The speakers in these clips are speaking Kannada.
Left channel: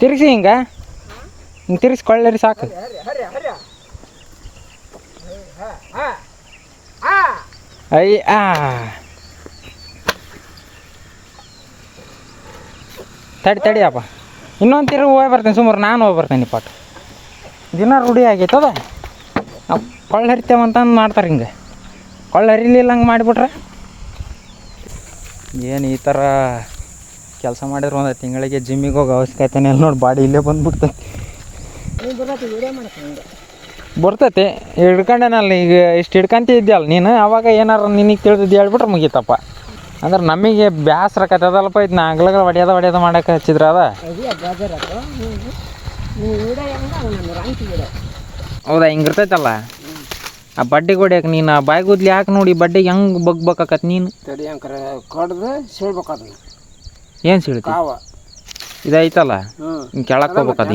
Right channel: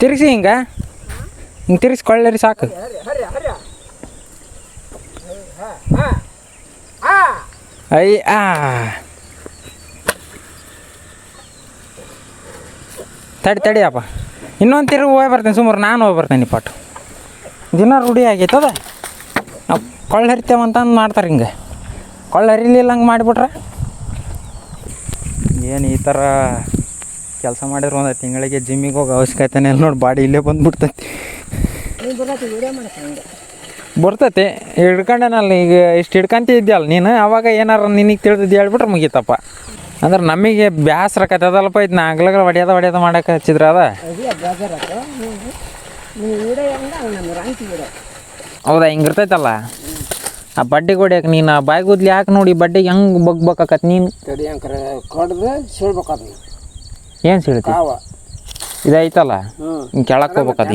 ತಿರ್ಗಿಸಿ ಹಿಂಗೆ ತಿರ್ಗಿಸ್ಕೊಳ್ಳಿ ಸಾಕು. ಅಯ್ಯ ತಡಿಯಪ್ಪ, ಇನ್ನೊಂದು ತಿರುಗಿ ಹೋಗಿ ಬರ್ತೇನೆ. ಸುಮಾರು ನಾನು ಹೋಗಿ ಬರ್ತೇನೆ. ಪಾಠ ದಿನ ರೂಢಿ ಆಗೈತದ. ನಾವು ಕೊಳ್ಳ ಹರಿತೇವಂತಂದು ಮಾಡ್ತಾರೆ. ಹಿಂಗೆ ಕೊಳ್ಳ ಹರಿಲಿಲ್ಲ ಹಂಗೆ ಮಾಡಿಬಿಟ್ರೆ ಏನು ಈ ಥರ ಕೆಲಸ ಮಾಡಿದ್ರು ಒಂದು ತಿಂಗಳಿಗೆ ಜಿಮ್ಮಿಗೆ ಹೋಗಿ ಅವಶ್ಯಕತೆನೇ ನೋಡಿ ಬಾಡಿ ಇಲ್ಲೇ ಬಂದುಬಿಡ್ತೈತಿ. ಬರ್ತೈತಿ ಹಿಡ್ಕೊಂಡೇನಲ್ಲ. ಈಗ ಇಷ್ಟು ಹಿಡ್ಕೊಂತಿದ್ಯಲ್ಲ ನೀನು, ಅವಾಗ ಏನಾರು ನಿನಗೆ ತಿಳಿದಿದ್ದು ಹೇಳ್ಬಿಟ್ರೆ ಮುಗೀತಪ್ಪ. ಅಂದ್ರೆ ನಮಗೆ ಬ್ಯಾಸ್ರಕತ್ತದಲ್ಪ ಇದು ನಾಗ್ಲಗಳ ಹೊಡ್ಯೋದ ಮಾಡೋಕೆ ಹಚ್ಚಿದ್ರ ಅದ. ಹೌದಾ, ಹಿಂಗೆ ಇರ್ತೈತಲ್ಲ ಆ ಬಡ್ಡಿಗೆ ಹೊಡ್ಯಾಕೆ. ನೀನು ಆ ಬಾಯಿ ಗುದ್ಲಿ ಹಾಕಿ ನೋಡಿ ಬಡ್ಡಿಗೆ ಹೆಂಗೆ ಬಗ್ಬೇಕಾಕತ್ ನೀನು. ಏನು ಸೀಳ್ತಿ ಇದೈತಲ್ಲ, ಹಿಂಗೆ ಕೆಳಕ್ಕೆ ಹೋಗ್ಬೇಕದು.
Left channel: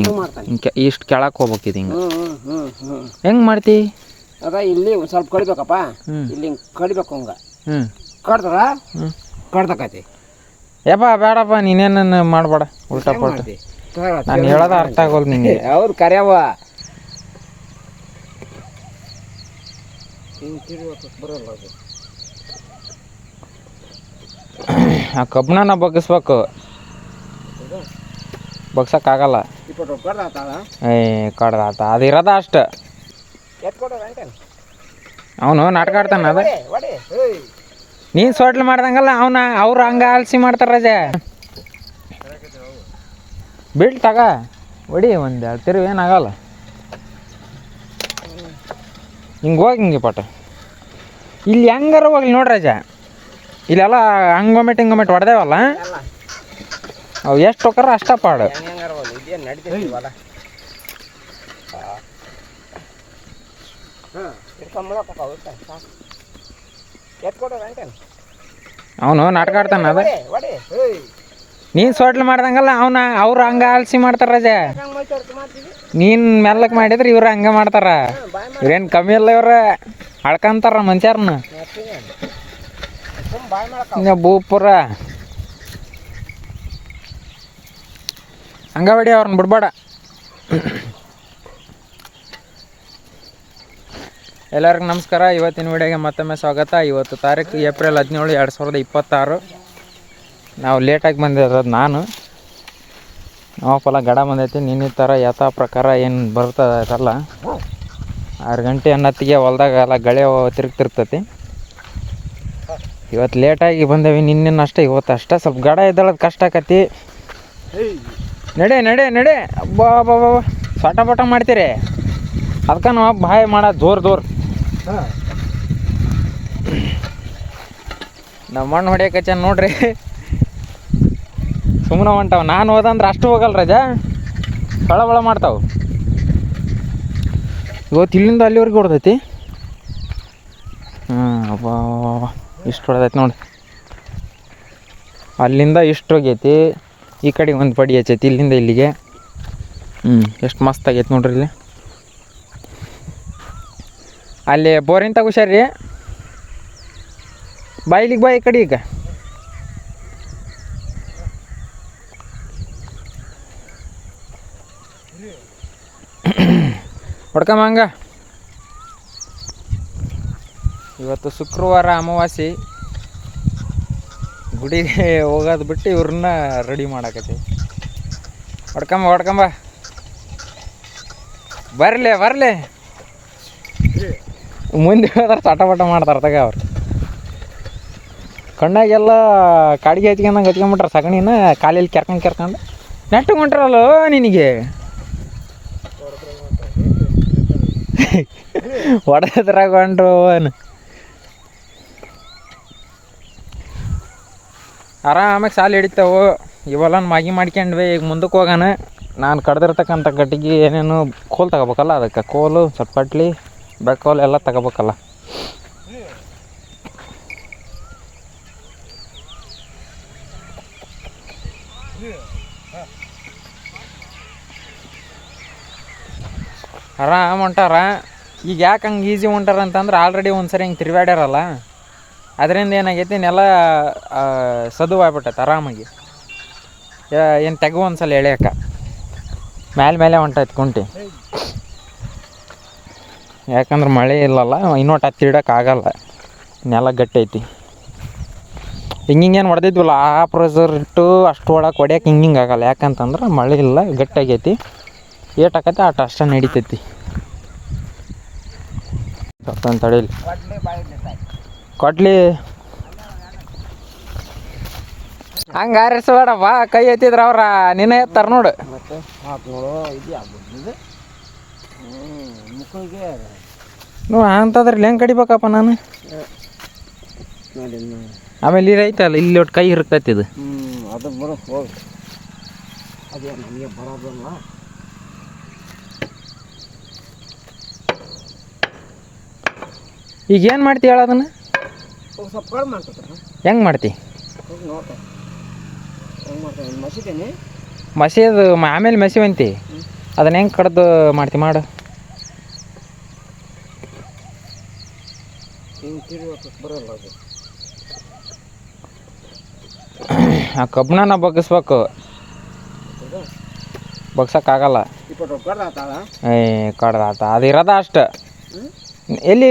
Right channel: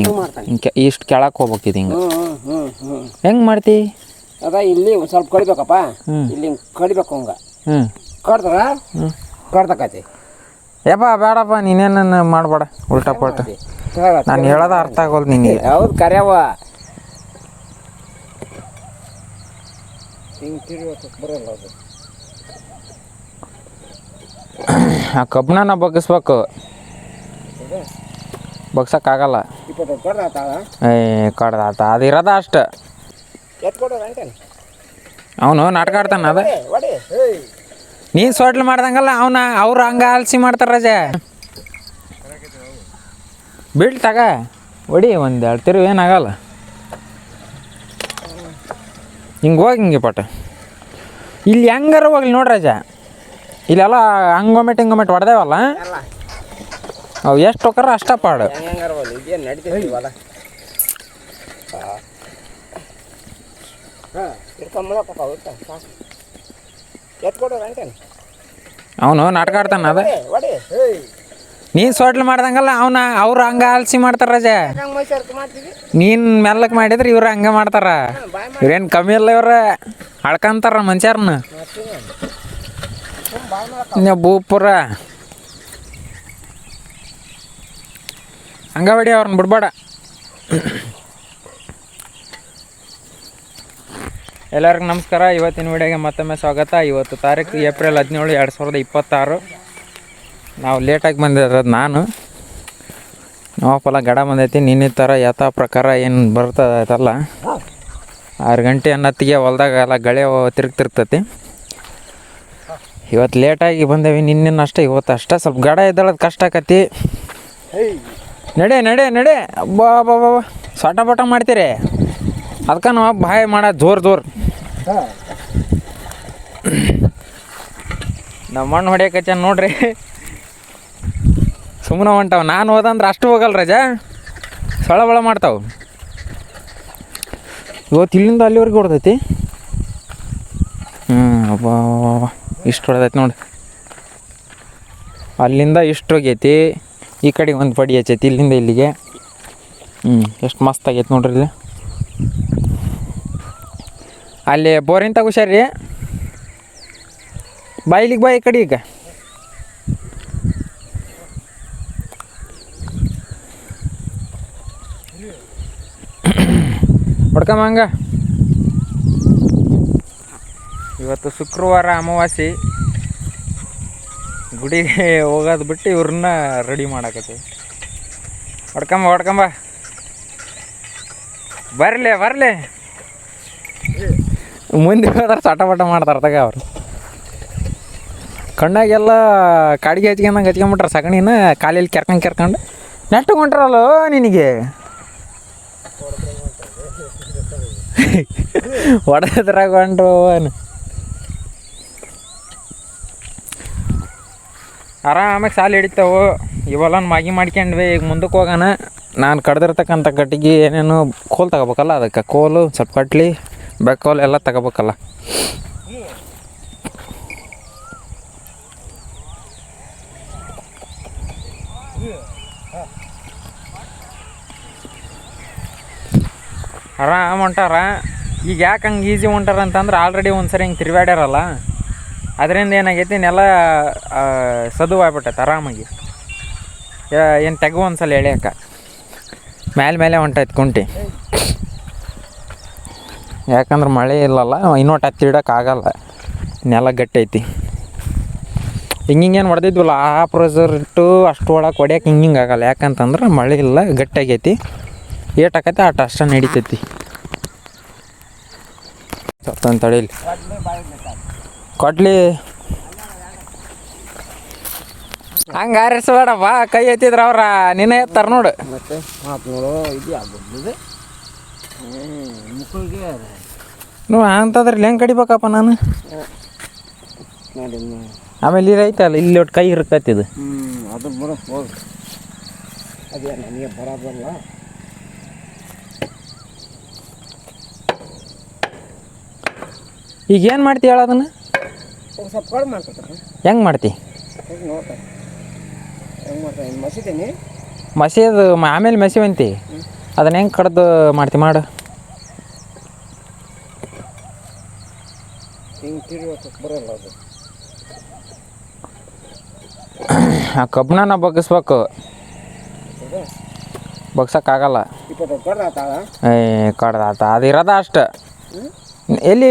ಹಿಂಗೆ ಇಷ್ಟು ಕೆಳಕ್ಕೆ ಹೋಗ್ಬೇಕಿದು. ಹಿಂಗೆ ಹೆಂಗೆ ಮಾಡ್ತಿ? ಅದ ಇಲ್ಲಿ ಒಂದು ಸ್ವಲ್ಪ ಕಡಿಬೇಕಪ್ಪ. ಇಲ್ಲಿ ಹಿಂಗೆ ಕಡಿಬೇಕು. ಹಂಗೆ ಕಡ್ದ್ರ ಕಡ್ದಕತಿ. ಯಪ್ಪ ಬೇಡಪ್ಪ, ನೀನೇನು ಮಾಡಬೇಡ ಉಲ್ಟಾ ಪಲ್ಟ. ನಾನು ಹೇಳೋದು ಅರ್ಥ ಆಗೋದು ನಿಂಗೆ. ಹೌದು ಕರ್ಯಾವ ಹಿಂಗೆ ತಿರ್ಬೇಕು ಬರೋಲ್ಲ ಅದು. ಆ ಕಬ್ಬನ್ನ ಬಗ್ಗಿಸ್ಬೇಕು, ಬಗ್ಸಕ್ಕಾಗಲ್ಲ. ಕಡ್ದಾತ ಅದು ಇರೋದ ಅಷ್ಟು. ಅವನು ನಾಟಕ ಆಡ್ತಾನ ಅದ. ನೀನು ಸೊಡ್ಲು ಮಾಡ್ದಂಗಲ್ಲ ಅವ್ರು ಹಂಗೆ ಆಲ್ಸಿ ಮಾಡ್ತಾರೆ. ರಜೆ ಬಿಡ್ ತಗ ಹೊಡಿ ಒಂದು 2 ತಿರುವು ಏನಾಗಲ್ಲ. ಹಿಂಗೆ ಹೋಗಿ ಹಿಂಗೆ ಪಟ ಇಲ್ಲಿ ಹೆಂಗಾರ ಹೋಗ್ಲಿ ನೋಡ್ರಿ ರಜ. ಇಲ್ಲೆಲ್ಲ ಹಂಗೊಮೆಟ್ ಹಿಂಗೊಮೆಟ್ ಹೊಡೆದೇವಲ್ಲ, ಅವು ಎಷ್ಟು ಹೋಗಾರ ಅಷ್ಟ ಪಾಡು. ಅವನು ನಾಟಕ ಆಡ್ತಾನ ಅದ. ನೀನು ಸೊಡ್ಲು ಮಾಡ್ದಂಗಲ್ಲ ಅವ್ರು ಹಂಗೆ ಆಲ್ಸಿ ಮಾಡ್ತಾರ. ರಜೆ ನೀನು ಮೆಲ್ಲಕ್ಕೆ ಮಾಡಿದ್ರೆ ಇವ್ರು ಹಂಗೆ ಮಾಡ್ತಾರ. ಇವ್ರೇನು ಕಮ್ಮಿ ಇಲ್ಲ, ಇವ್ರ ಅಳ್ಕಂತಾರ ಮನುಷ್ಯರನ್ನ. ಭೂಪುರ ಹಂಗ ಹೊಡಿ, ಅವ್ರನ್ನ ಬಿಡ್ಬೇಡ. ಎಲ್ಲರಿಗೂ ನಮಸ್ಕಾರ. ಇವತ್ತಿನ ವಿಡಿಯೋಗೆ ಮತ್ತೊಮ್ಮೆ ಸ್ವಾಗತ. ಇವತ್ತು ತಾರೀಕು ಏಪ್ರಿಲ್ 17, 2026. ನಾವು ಲೇಟಾಗಿ ಬಂದಿರೋದು ನಾನು. ನಾವಪ್ಪಲ್ಲ ಗಡ ಬಂದೈತಿ. ನಿನ್ನೆ ಥರ ಯಥಾ ಪ್ರಕಾರ ಏನು ಬರ್ತದಲ್ಲ 6 ಗಂಟೆ ಅನ್ನತ್ತಿಗೆ ಹೊಲ್ದಾಗ ಎಲ್ಲ ಗಳೆ ತಿರುಗ್ತಿರ್ತೈತಿ. ಇವತ್ತು ಲೇಟಾಗಿ ಬಂದೇವಿ. ನಿನ್ನೆ ಅಷ್ಟೇ, ಇವತ್ತು ಅಷ್ಟೇ ಸ್ವಲ್ಪ ಗಡ ಇದ್ದಳದು ಕಷ್ಟ ಆಕತಿ. ನಡೆ ಅಬ್ಬಾ ಸೊಟ ಪಟ ಮಾಡ್ತೀರಿ. ಅದಕ್ಕೆ ನಾವು ಬಾಯ್ ಮಾಡೋದು ಜೋರು. ನಮ್ಮ ಮಣ್ಣು ಹೊಡಿಯಕಚ್ಚ ನೋಡ್ರಿ. ಸುಮ್ಮನೆ ಹೊಂಟಾವ. ನಾನು ಹೋದಂದ್ರೆ ಅಷ್ಟು ಹೋಗಲ್ಲ ರಜಾ, ಸಳ ಮಾಡ್ತಾವೆ. ಇವತ್ತು ಇಲ್ಲಿಂದ ಅಲ್ಲಿವರೆಗೆ ಹೊಡೆದೈತಿ. ಅಬ್ಬಾ ಇಷ್ಟು ಹೊಡೆದೈತಿ ನೋಡಿ. ಅಲ್ಲಿಂದ ಇಷ್ಟು ಹೋಗೈತಿ, ಈ ಕಡೆಗೆ ಒಂದು ಪಡಿ ಹಚ್ಚೈತಿ ಇಲ್ಲಿಂದ ಇಲ್ಲಿಗೆ. ಎಷ್ಟು ಮಸ್ತ್ ಆಗೈತಿ ನೋಡ್ರಿ. ಇಲ್ಲಿ ಅಲ್ಲಿ ಬೋರಿನ ತಗೋಶ್ಯಾರ್ರಿ. ಇಲ್ಲಿಗೆ ಬಾ ಈ ಕಡೆ. ಈಗ ಹೊಡ್ಕಮ್ಮ ಹಂಗ. ಇವತ್ತು ಶುಕ್ರವಾರ ಅಮಾವಾಸ್ಯೆ, ಗುಡಿಗೆ ಹೋಗೋದು ಬಿಟ್ಟು ಇವ್ರನ್ನ ರೆಡಿ ಮಾಡಾಕತ್ತಿ. ಹೊಡ್ಕಂಬ ಬರಲಿ. ಮುಂದೆ ಹೋದ್ರೆ ಚಟಪಟ ಮಾಡ್ತಾರೆ ತಗ. ಅವ್ರು ಕಣ್ಣಾಗೆಲ್ಲ ಕಾಡಿಗೆ ಹಚ್ಕೊಂಡ್ಬಿಟ್ರೆ ಸಗಣಿನ ಕಾಲಲ್ಲಿ ಕೆರ್ಕೊಂಡು ನೆಟ್ಟು ಹೊಂಟ್ರಲ್ಲ ನಿನಗೆ. ಹೊಡೆದ್ರಾಗ ಹೊಂಟ್ರು. ಆರಾಮಾಗಿ ಸಾಲು ಹಿಡಿತಾವು. ಇವೆಲ್ಲ ಮಾಗಿ ಮಾಡ್ಕೊಂಡ್ವಿ. ಈಗ ಮುಂದಕ್ಕೆ ಹೋಗೋಣ. ನಾನು ಕಡ್ದಿರ್ತಕ್ಕಂಥ ಗಟ್ಟಿಗೆ ಏನೇನು ಕೋಲು ತಗೋಬೇಕಲ್ಲ, ಅದಕ್ಕೆ ಕೋಲು ಸ್ವಲ್ಪ ಕಟ್ಲಿ ಬೆಕ್ಕೋಲು ಎಲ್ಲ ತಗೋಬೇಕಲ್ಲ. ಆರಾಮ್ ಹೊಂಟಾರ. ಈಗ ಯಾಕೆ ಹಂಗೆ ಈಸಿ ಹೊಂಟಾರ ಅಂತಂದ್ರೆ ಆಲ್ರೆಡಿ ಒಂದು ಸರಿ ಹಿಂಗೆ ತಿರುಗಾಡ್ಯಾರಲ್ಲ, ಅದರಿಂದ ಏನಾಗೈತಿ ನೆಲ ಸದುವಾಗ್ಬಿಟ್ಟೈತೆ ಆರಾಮಾಗಿ. ಏನು ತೆಗು ಒಂದ್ಸಲ ಎಳೆಯಕ್ಕ. ಮೇಲೆ ಹೊಂಟೈತೆ ಕುಂಟಿ. ಯಾಕಂದ್ರೆ ಮಳೆ ಇಲ್ಲಲ್ಲ, ಇನ್ನೊಟ್ಟು ಹತ್ತಿ ಇಡೋಕ್ಕಾಗಲ್ಲ, ನೆಲ ಗಟ್ಟಿ ಐತಿ. ಹಿಂಗೇನು ಹೊಡೆದಿದ್ವಲ್ಲ ಆ ಪ್ರೆಸರ್ ಇಟ್ಟು ಅಷ್ಟು ಒಳಗೆ ಹೊಡ್ಯಕ್ಕೆ ಹಿಂಗೆ ಆಗಲ್ಲ. ಯಾಕಂತಂದ್ರೆ ಮಳೆ ಇಲ್ಲ, ಗಟ್ಟಿಯಾಗೈತಿ. ಏಟಾಕೈತೆ ಅಷ್ಟು ನಡಿತೈತಿ. ಸ್ವತಂತ್ರ ತಡೀಲಿ ಕೊಡ್ಲಿ ಹಂಗೆ ಆರಿಸ್ಬೇಡಪ್ಪ. ಕೈ ಎತ್ತಿದ್ರೆ ಅವ್ರ ನಿನ್ನ ಎತ್ತಾರ ನೋಡು. ಮತ್ತೆ ಇದು ಆಗ್ಬೋದು ಮುಕ್ಕಳಿಗೆ ನೀವು ಅಂಥದ್ರಲ್ಲಿ ಹೆಂಗೆ ಕಡಿಬೇಕಪ್ಪ ನಾನು? ನೋಡಿ ಆಮೇಲೆ ಇಲ್ಲಿ ಐತಲ್ಲ, ಇಲ್ಲಿ ಒಟ್ಟು ಕೈ ಇರ್ತೈತಿದು. ಅದು ಬಿಡು ಹೋಗಿ. ಅದೇ ನನಗೆ ಬರೋದಲ್ಲ. ಈಗ ಏನು ಮಾಡ್ತಿ ಹೇಳ ಅದನ್ನು? ಸ್ವಲ್ಪ ಕಡಿಮೆ ಮಾಡ್ತಾರೆ. ಹೆಂಗೆ ಮಾಡ್ತಿ? ನೋಡ್ತಾ ಹೆಂಗೆ ಮಾಡ್ತಾರೆ ಮಸೀತೀನಿ. ಮಸೀದು ಆಮೇಲೆ ಮಸಿವಂತಿ ಅದನ್ನ ಹೆಂಗೆ ಕಡ್ದು ಮಾಡ್ತಿ ಮಾಡು. ಹಿಂಗೆ ತಿರುಗಿ ಬರೋಲ್ಲ ಅದು. ಆ ಕಬ್ಬನ್ನ ಬಗ್ಗಿಸ್ಬೇಕು, ಬಗ್ಸೋಕ್ಕಾಗಲ್ಲ. ಇಪ್ಪತ್ತು ಕಡ್ದು ಆತಾಳ. ಕಡ್ದಾತ ಅದು ಇರೋದ ಅಷ್ಟು. ಎಲ್ಲಿ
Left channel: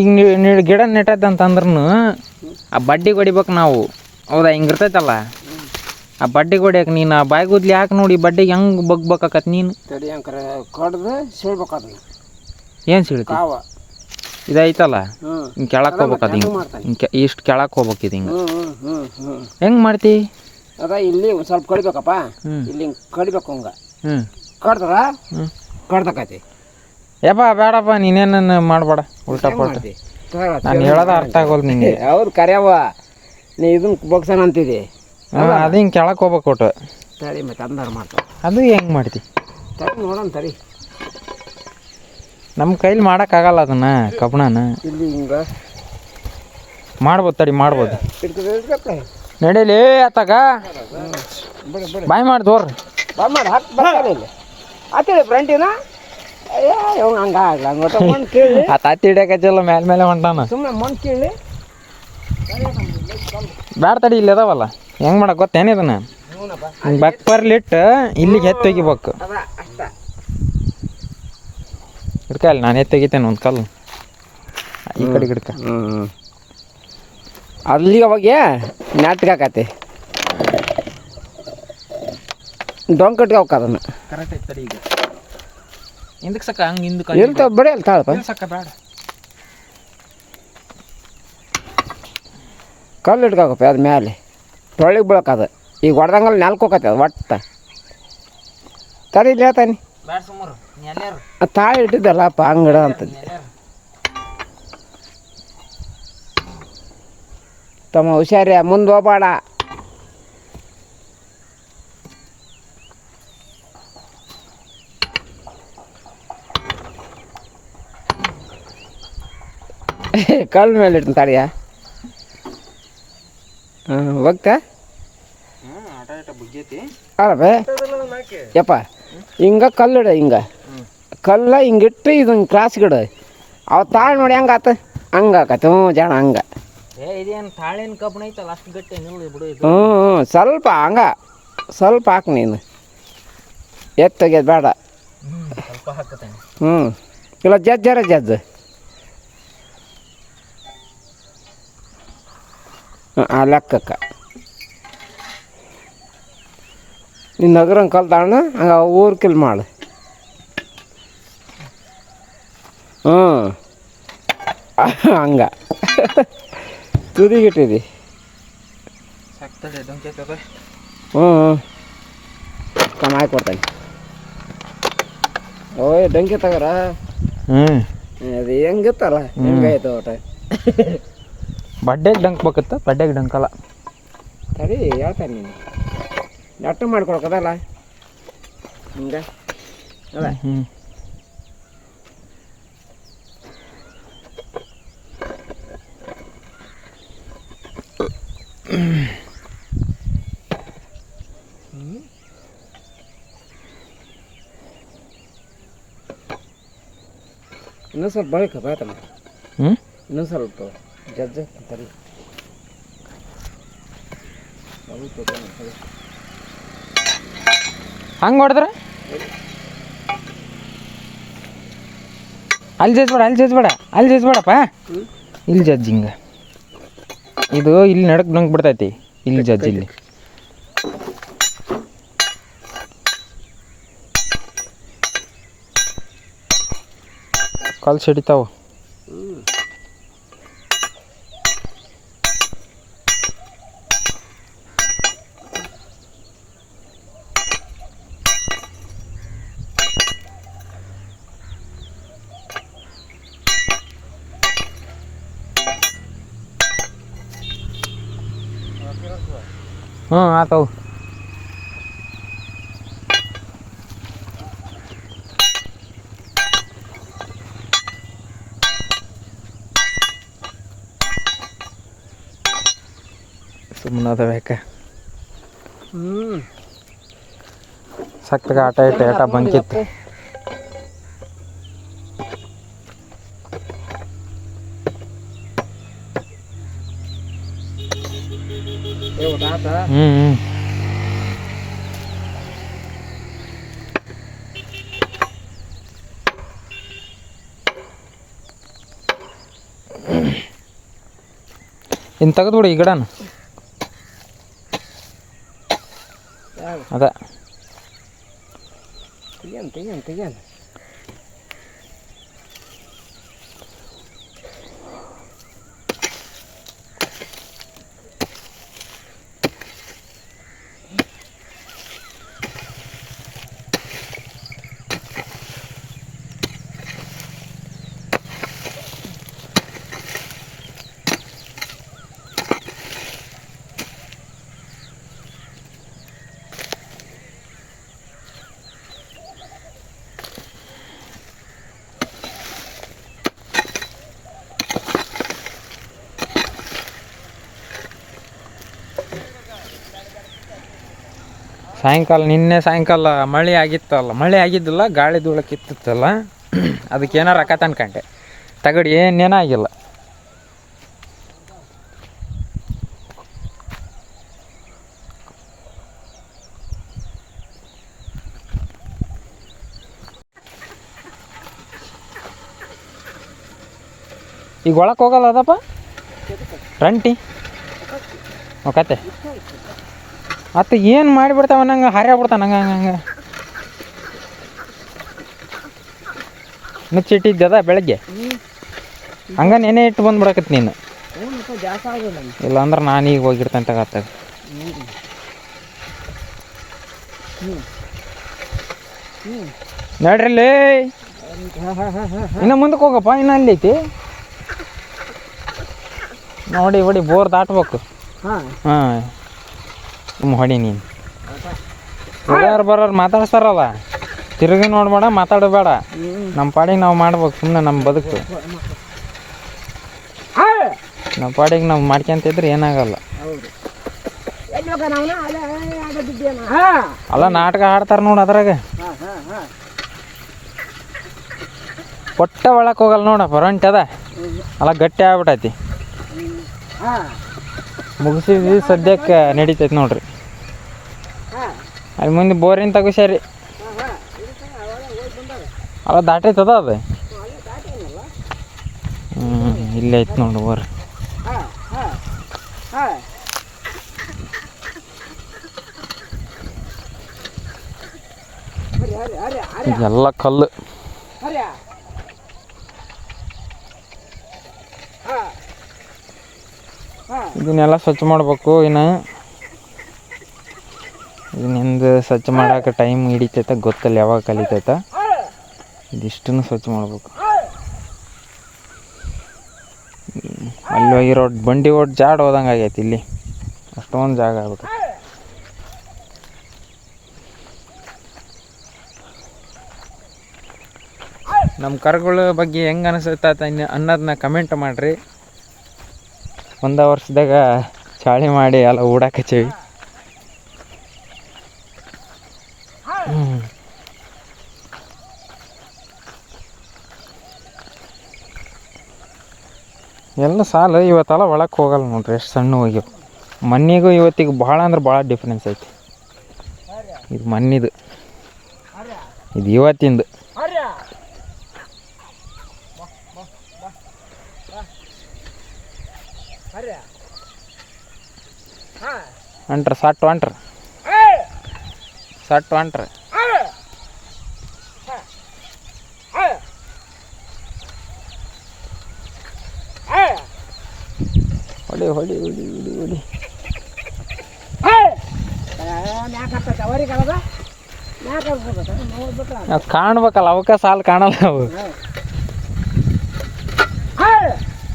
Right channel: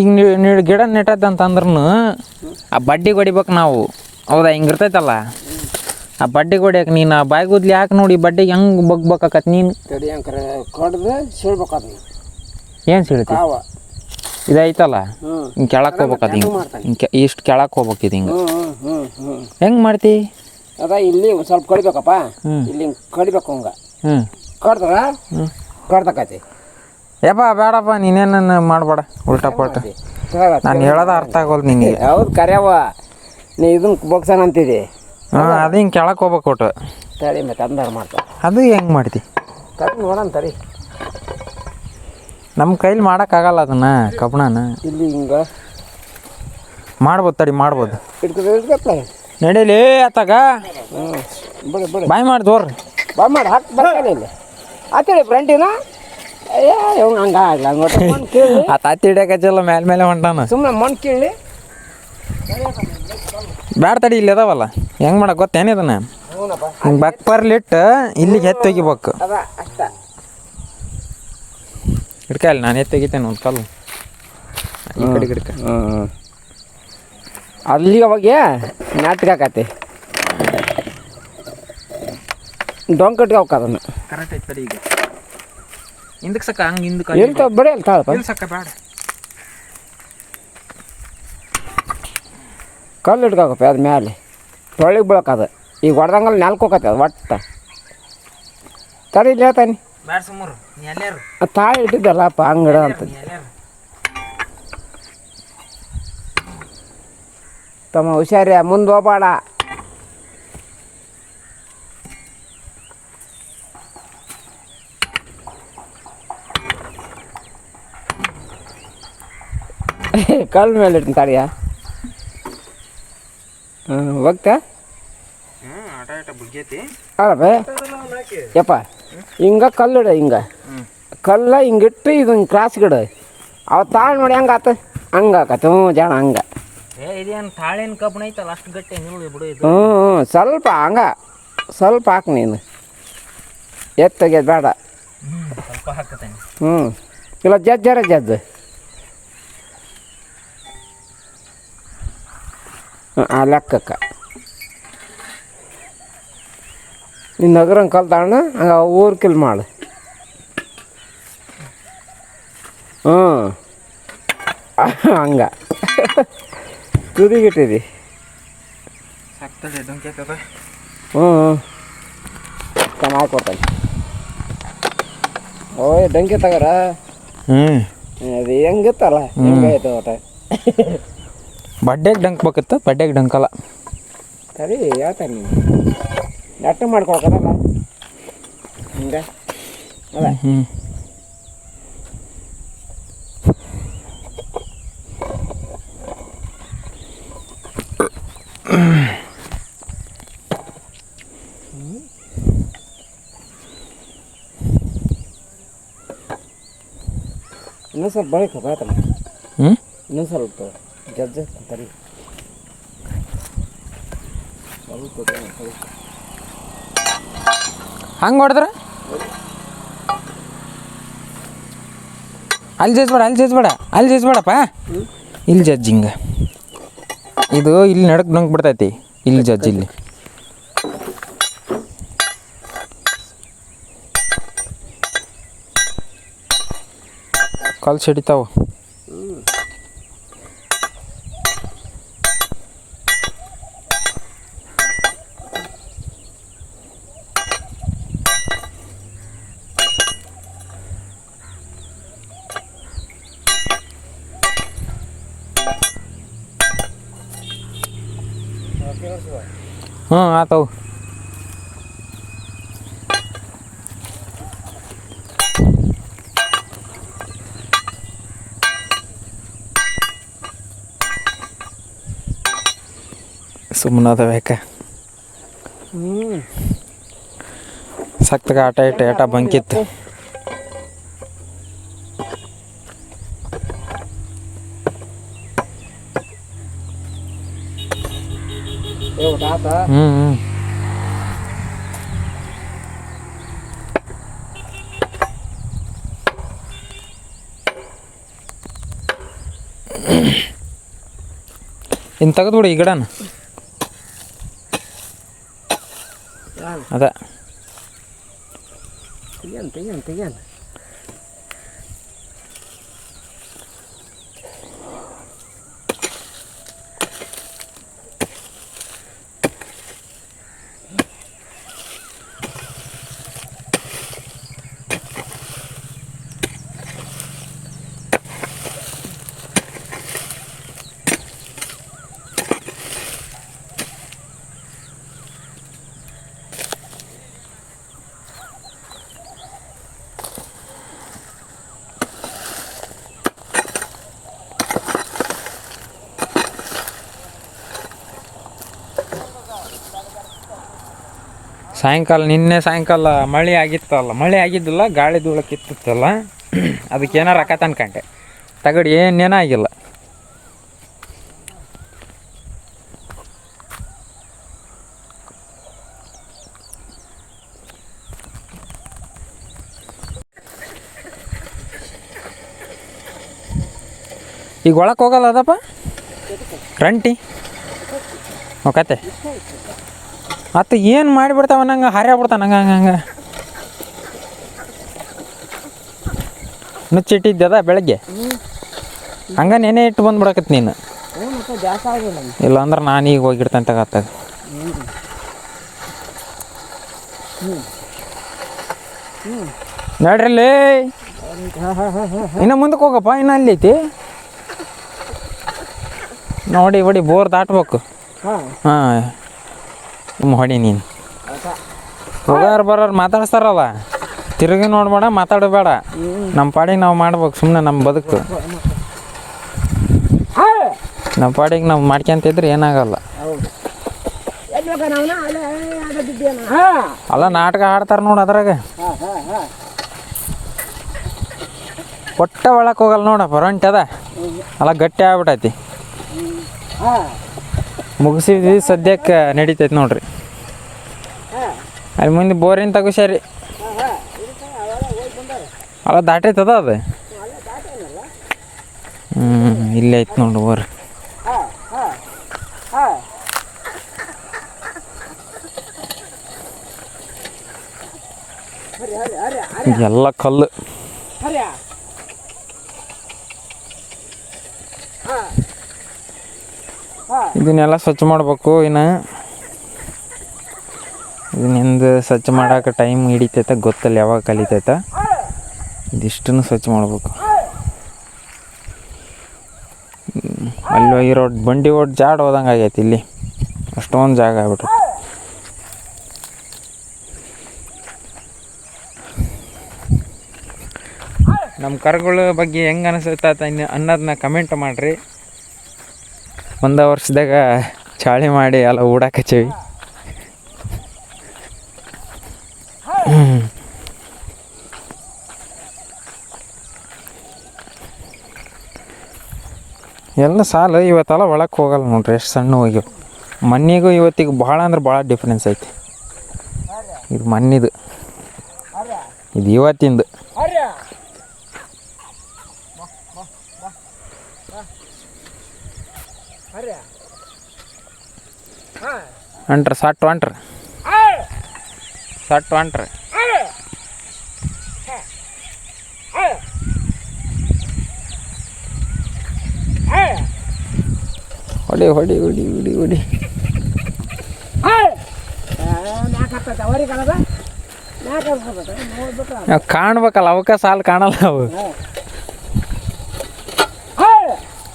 ಈಗ ಗಿಡ ನೆಟ್ಟದಂತಂದ್ರೂ ಆ ಬಡ್ಡಿಗೆ ಹೊಡಿಬೇಕು ನಾವು. ಹೌದಾ? ಹಿಂಗೆ ಇರ್ತೈತಲ್ಲ ಆ ಬಡ್ಡಿಗೆ ಹೊಡಿಯಕ್ಕೆ ನೀನು ಆ ಬಾಯಿಗುದ್ಲಿ ಯಾಕೆ ನೋಡಿ ಬಡ್ಡಿಗೆ ಹೆಂಗೆ ಬಗ್ಬೇಕಾಕತ್ ನೀನು? ತಡಿ ಅಂಕರೆ ಕಡ್ದು ಸೀಳ್ಬೇಕು ಅದನ್ನ. ಏನು ಸಿಳ್ತಿ? ಕಾವ ಇದೈತಲ್ಲ ಹಿಂಗೆ ಕೆಳಕ್ಕೆ ಹೋಗ್ಬೇಕು. ಅದು ಹಿಂಗೆ ಇಷ್ಟು ಕೆಳಕ್ಕೆ ಹೋಗ್ಬೇಕು. ಇದು ಹಿಂಗೆ ಹೆಂಗೆ ಮಾಡ್ತಿ? ಅದ ಇಲ್ಲಿ ಒಂದು ಸ್ವಲ್ಪ ಕಡಿಬೇಕಪ್ಪ. ಇಲ್ಲಿ ಹಿಂಗೆ ಕಡಿಬೇಕು ಹಂಗೆ. ಕಡ್ದ್ರ ಕಡ್ದಕತಿ. ಯಪ್ಪ ಬೇಡಪ್ಪ, ನೀನೇನು ಮಾಡಬೇಡ ಉಲ್ಟಾ ಪಲ್ಟ. ನಾನು ಹೇಳೋದು ಅರ್ಥ ಆಗೋದು ನಿನಗೆ. ಹೌದು ಕರ್ಯಾವ, ನೀ ಇದನ್ನ ಬಗ್ಸಣ ಅಂತಿದ್ದಿ. ಅದು ಹಿಂಗೆ ಕೆಳಕ್ಕೆ ಹೋಗ್ಬೇಕು ಒಟ್ಟು. ತಡಿ ಮತ್ತೆ ಅಂದಾಗ ಮಾಡ್ತಾರೆ. ಅದು ಹೆಂಗೆ ಮಾಡ್ತಿ? ತಡಿ ನೋಡೋಣ ತಡಿ. ನಮ್ಮ ಕೈಲಿ ಮಾಡೋಕ್ಕಾಗಲ್ಲ ಅದನ್ನು ಕಬ್ಬಣನ. ಇಲ್ಲಿ ಹಿಂಗೆ ಮಾಡ್ಬೋದು, ತಡಿ ಮಾಡ್ಬೋದು. ಇಟ್ಕೊಪ್ಪ ನಡೀಲಿ ಆತಾಗ ಬಿಡು ಬಿಡು. ಬಾಯ್ ಮಾಡಿ ತೋರ್ ಬಾ ಮಾಡಿ ಹಾಕಿ ಬರಲ್ಲ ಇಲ್ಲಿ ಆತೇಳಿ ಫ್ರಂಟಿನ. ಅಯ್ಯ ಇವ್ನು ಹಂಗೆ ಆಗಲ್ಲ. ಹಂಗೆ ಮಣ್ಣು ಕೀಳಿ ಆ ತಾತಿ ಹಿಡಿಯಕಚ್ಚಲ್ಲ ಮೇಲೆ ಹೊಂಟಾನ. ಸುಮ್ಮನೆ ಮಣ್ಣು ಕೀಳಿ ಬ್ಯಾಡ ತಡಿ, ಇಲ್ಲಿ ಅದಾವಲ್ಲ. ಹೆಂಗೆ ಮಾಡಕ್ಕೆ ಗೊತ್ತೇನಿದನ? ಹ್ಞೂನಪ್ಪ. ಹಿಂಗೆ ಬಕ್ಪರ್ಲಿಟ್ಟು ಇಲ್ಲಿಗೆ ಎತ್ತಿ ತೆಗಿಬೇಕು. ಅದ ಅಷ್ಟ ಹಿಡ್ಕಲ್ಲ, ನಾನು ಎತ್ತಿ ತೆಗಿತೇನೆ ಒಂದು ಕಲ್ಲು ಈ ಕಡೆ ಹಿಡ್ಕ. ಅಲ್ಲಿಗೆ ಹೋಗಿ ನಾಟ್ಕಾಕತಿ ಡೊಂಕ್ ಕಟ್ಗೆ ಹೋಗ್ಕದನ್ನ. ಕರೆಕ್ಟ್ ಐತೆ ತಡಿ. ಈಗ ಹಿಂದಕ್ಕೆ ಸಕ್ಕ ಹಂಗೆ ಹಿಂದಕ್ಕೆ ಇರ್ತಾವ ಬರೀ ಅಲ್ಲಿ ತಾಳಪ್ಪ. ಸಕ್ಕ ಬೇಡ, ಕಲ್ಲು ಇಟ್ಕೋಕಪ್ಪ ಅದು ಮ್ಯಾಲೆ ತೊಳಿಗೆ ಬೀಳಕದು. ಈಗ ಹೊಡೆದಂಗಲ್ಲಿ ನಾಲ್ಕು ಹೋಗತ್ತೆ ಅದು ಒಟ್ಟು. ತಡಿ ಇಲ್ಲಿ ಹೇಳ್ತಾನೆ. ಬೇಡ ಸುಮ್ಮರು ನೀ ಎಲ್ಲಾರು ತಾಳಿ ಇಟ್ಟಿದ್ದಲ್ಲಪ್ಪ ಅಂಗಡ ಅಂತ. ತಮ್ಮ ಹುಷಾರಿ, ಮುಂದೆ ಹೋಗ್ಬೇಡ. ಕಲ್ಲು ಮೇಲೆ ಇಟ್ಟು ತಡಿಯ. ಹೋಗ್ತಾ ಆಟ ಆಟ ಬುಗ್ಗೈತಿ. ಅಲ್ಲಪ್ಪ ಯಪ್ಪ ಹಿಂಗೆ ಕಲ್ಲಿಡ, ಹಿಂಗೆ ಕಲ್ಲ ಹಿಂಗಿಟ್ಟು ಇದನ್ನು ಕ್ರಾಸ್ ಗಿಡ ಅವು ತಾಳು ನೋಡಿ ಹೆಂಗೆ ಆತ ಹಂಗೆ ಆಕತಿ. ಜನ ಹಂಗೆ. ಇದೇನು ತಾಳಿನ ಕಬ್ಬಣ ಐತಲ್ಲ ಅಷ್ಟು ಗಟ್ಟಿ ನಿಲ್ಲು ಬಿಡು ಇದು. ಸ್ವಲ್ಪ ಹಂಗೆ ಸ್ವಲ್ಪ ಹಾಕು ನೀನು. ಎತ್ತೋಗ್ಯದ ಬೇಡ. ಸ್ವಲ್ಪ ಹಾಕತ್ತೇನೆ. ಇಲ್ಲ ಜಜ್ಜರ ಜಜ್ಜು. ಆ ಲೆಕ್ಕಕ್ಕೆ ನೀನು ನಗರಂಗೆ ಕಲ್ತಾಣ ಹಂಗೆ ಊರು ಕಿಲ್ ಮಾಡು. ಹಂಗೆ ತುದಿಗಿಟ್ಟಿದಿ. ತಮ್ಮ ಹಾಕೊಡ್ತಾನೆ. ಓಯ್ ಡಂಕಿ ತಗೋರ. ಅದು ಹೆಂಗಿತ್ತಲ್ಲ ಹೆಂಗಾಯ್ತು ಒಟ. ಬಡ್ಡೆಗೆ ಡಂಕ್ ಬೇಕಿತ್ತು, ಬಡ್ಡೆಗೆ ಡಂಕಲ್ಲ. ಸರಿ ಹೇಳ್ತಾನೆ ನೀನು ನೆಟ್ಟು ಮಾಡ್ಕೊಳಕದಲ್ಲ ಹಿಂಗೆ ಅದ. ಇನ್ನೊಂದು ಸ್ವಲ್ಪ ಬಳಕ ಬಾಯ್ತಲ್ಲ. ಇನ್ನೊಂದು ಸ್ವಲ್ಪ ಜಜ್ಜ ತರಿ. ಹಂಗೆ ಹೊಡೆದ್ರೆ ಅಲ್ಲಿ ಜಜ್ಬೇಡಪ್ಪ ಇಲ್ಲಿ ಜಜ್ಜಿ ಹಿಂಗೆ ಇದು ಇಲ್ಲಿ ನಡಕ್ ನುಂಗ್ ಬಿಡ್ತೈತಿ ಇಲ್ಲಿ ಜಜ್ಜಿ ಇಲ್ಲಿ ಕಾಲು ಸಿಡಿತಾವ ಆತವು ಸುಮ್ಮನದ ಬೇಕ ಸಕ್ತಗ ಆಟ ಇಟ್ಟು ಆಟ ಬಂಕಿತ್ತು ಇನ್ನು ತೆಗೆದ್ಬಿಡು ಈ ಗಿಡನ ಅದ ತೆಗಿಯನ್ ನಿನ್ನೆ ಸಾಯಂಕಾಲ ಮಳೆ ಆಗಿದ್ದಿಲ್ಲ ಗಾಳಿ ಧೂಳಕ್ಕಿತ್ತಲ್ಲ ಅದಕ್ಕೆ ಏನಾರು ರೊಕ್ಕ ಅನ್ಕಂಡೆ ತಗಡಿ ಏನೇನಾಗಿಲ್ಲ ಈಗ ಒಳಕ್ಕೆ ಹೋಗಲ್ಲ ಅದಪ್ಪ ರಂಟಿ ಓಕತೆ ಅತ್ತ ಏನು ಮಾಡಿಬಿಡ್ತಾವ ನಂಗೆ ಹಾರ್ಯಾಬಿಡ್ತಾವ ನಂಗೆ ಹಂಗೆ ಮುಚ್ಚಿಟ್ಟಿದ್ದದ ಬೆಳಗ್ಗೆ ಹಂಗೆ ನೆನೆ ಇಟ್ಟು ಬಂದ್ಬಿಡಕತ್ ನೀನು ಇಲ್ಲ ಅಂದ್ರೆ ನಾನು ಈಗ ಹೋಗಿಡ್ತೇನೆ ತಗತ್ತಾಗ ನೋಡ್ರಲ್ಲಿ ಇನ್ನು ಮುಂದಕ್ಕೆ ಹೋಗಪ್ಪ ಇನ್ನು ಅಲ್ಲಿ ಐತಿ ನೋಡಿ ಹೊಡಿ ಬೋರ್ ದಾಟ್ಬೇಕು ಹಾಂ ಹೊಡಿ ನೀನು ಬರೋರು ಮಾತಾಡ್ಸ್ತಾರಲ್ಲ ತಿರುಗಿ ನೋಡ್ಬೇಡ ಮಾತಾಡಬೇಡ ನಮ್ಮ ಪಾಡಿಗೆ ನಾವು ಮಾಡ್ಬೇಕು ಸುಮ್ಮನೆ ನಮ್ಮ ಬದುಕು ನಮ್ಮ ಪಾಡಿಗೆ ನಾವು ಮಾಡ್ಕೊಂತಿದ್ರೆ ಏನಾಗಲ್ಲ ಅಲ್ಲ ನಾಟಕ ಆಡ್ತಾರೆ ನೋಡಿ ಅದ್ರಾಗ ಒಟ್ಟ ಒಳಕ್ಕೆ ಹೋಗಲ್ಲ ನೋಡಪ್ಪ ರಂಟಿ ಅದ ಅಲ್ಲ ಗಟ್ಟಿ ಆಗ್ಬಿಟ್ಟೈತಿ ಮುಗಿಸಿದ್ವಿ ಸದ್ಯಕ್ಕೆ ನಡೀತೈತಿ ನೋಡ್ರಿ ಅಲ್ಲಿ ಮುಂದೆ ಬೋರಿನ ತಗೋಸ್ಯಾರಿ ಅವ ದಾಟೈತದ ಅದು ಇಲ್ಲೇ ಐತಿ ನೋಡ್ರಿ ಬೋರ್ ಎಲ್ಲ ಕಲ್ಲು ಇದನ್ನೆಲ್ಲ ಸ್ವಚ್ಛ ಮಾಡ್ಬೇಕು ಇನ್ನು ಇದನ್ನಿಂದ ಸ್ವಚ್ಛ ಮಾಡೋಕೆ ಟೈಮ್ ಹಿಡಿತೈತೆ ಗೊತ್ತಲ್ಲ ಯಾವಾಗ ಕಲಿತೈತ ಇದಿಷ್ಟನ್ನು ಸ್ವಚ್ಛ ಮಾಡ್ಬೇಕು ಅಲ್ಲಿ ಹೋಗಿರೋ ಬಂಡಿ ಓಟ್ ಜಾಡ್ ಹೋದಂಗೆ ಆಗೈತಿ ಇಲ್ಲಿ ಅಷ್ಟೊಂದು ಜಾಗ ಆಗ್ಬಿಟ್ರೆ ನಮ್ಮ ಕರುಗಳ ಬಗ್ಗೆ ಹೆಂಗೆ ಅನಿಸುತ್ತೆ ಅನ್ನೋದನ್ನ ಕಮೆಂಟ್ ಮಾಡಿರಿ ಒಂದು ವರ್ಷದಾಗ ಚಾಳಿ ಮಾಡಿ ಎಲ್ಲ ಓಡಾಕಚ್ಚೀವಿ ಎಲ್ಲ ಸಾಲ ಇವತ್ತೆಲ್ಲ ಒಳಕ್ಕೆ ಹೋಗಲ್ಲ ನೋಡ್ರಿ ಎಷ್ಟು ಸಣ್ಣ ಹೋಗ್ಯವು ಮಣ್ಣಿಗೂ ಇವತ್ತಿಗೆ ಭಾಳ ಅಂದ್ರೆ ಭಾಳ ಡಿಫ್ರೆನ್ಸ್ ಐತಿ ಇದು ಮಣ್ಣಿದು ಇದು ಇವತ್ತಿಂದು ಹೊಂಟ್ರ ಸಟ್ ಹೊಂಟ್ರ ಸಟ್ ಹೊಂಟ್ರ ಹೊಡಿ ಹೊಡಿ ಹೊಡಿ ಹೊಡಿ ಹೊಡಿ ಕಾಣ್ಬೇಕಲ್ಲ ಅವಕ್ಕ ಸಾಲು ಕಾಣಲ್ಲ ಅವು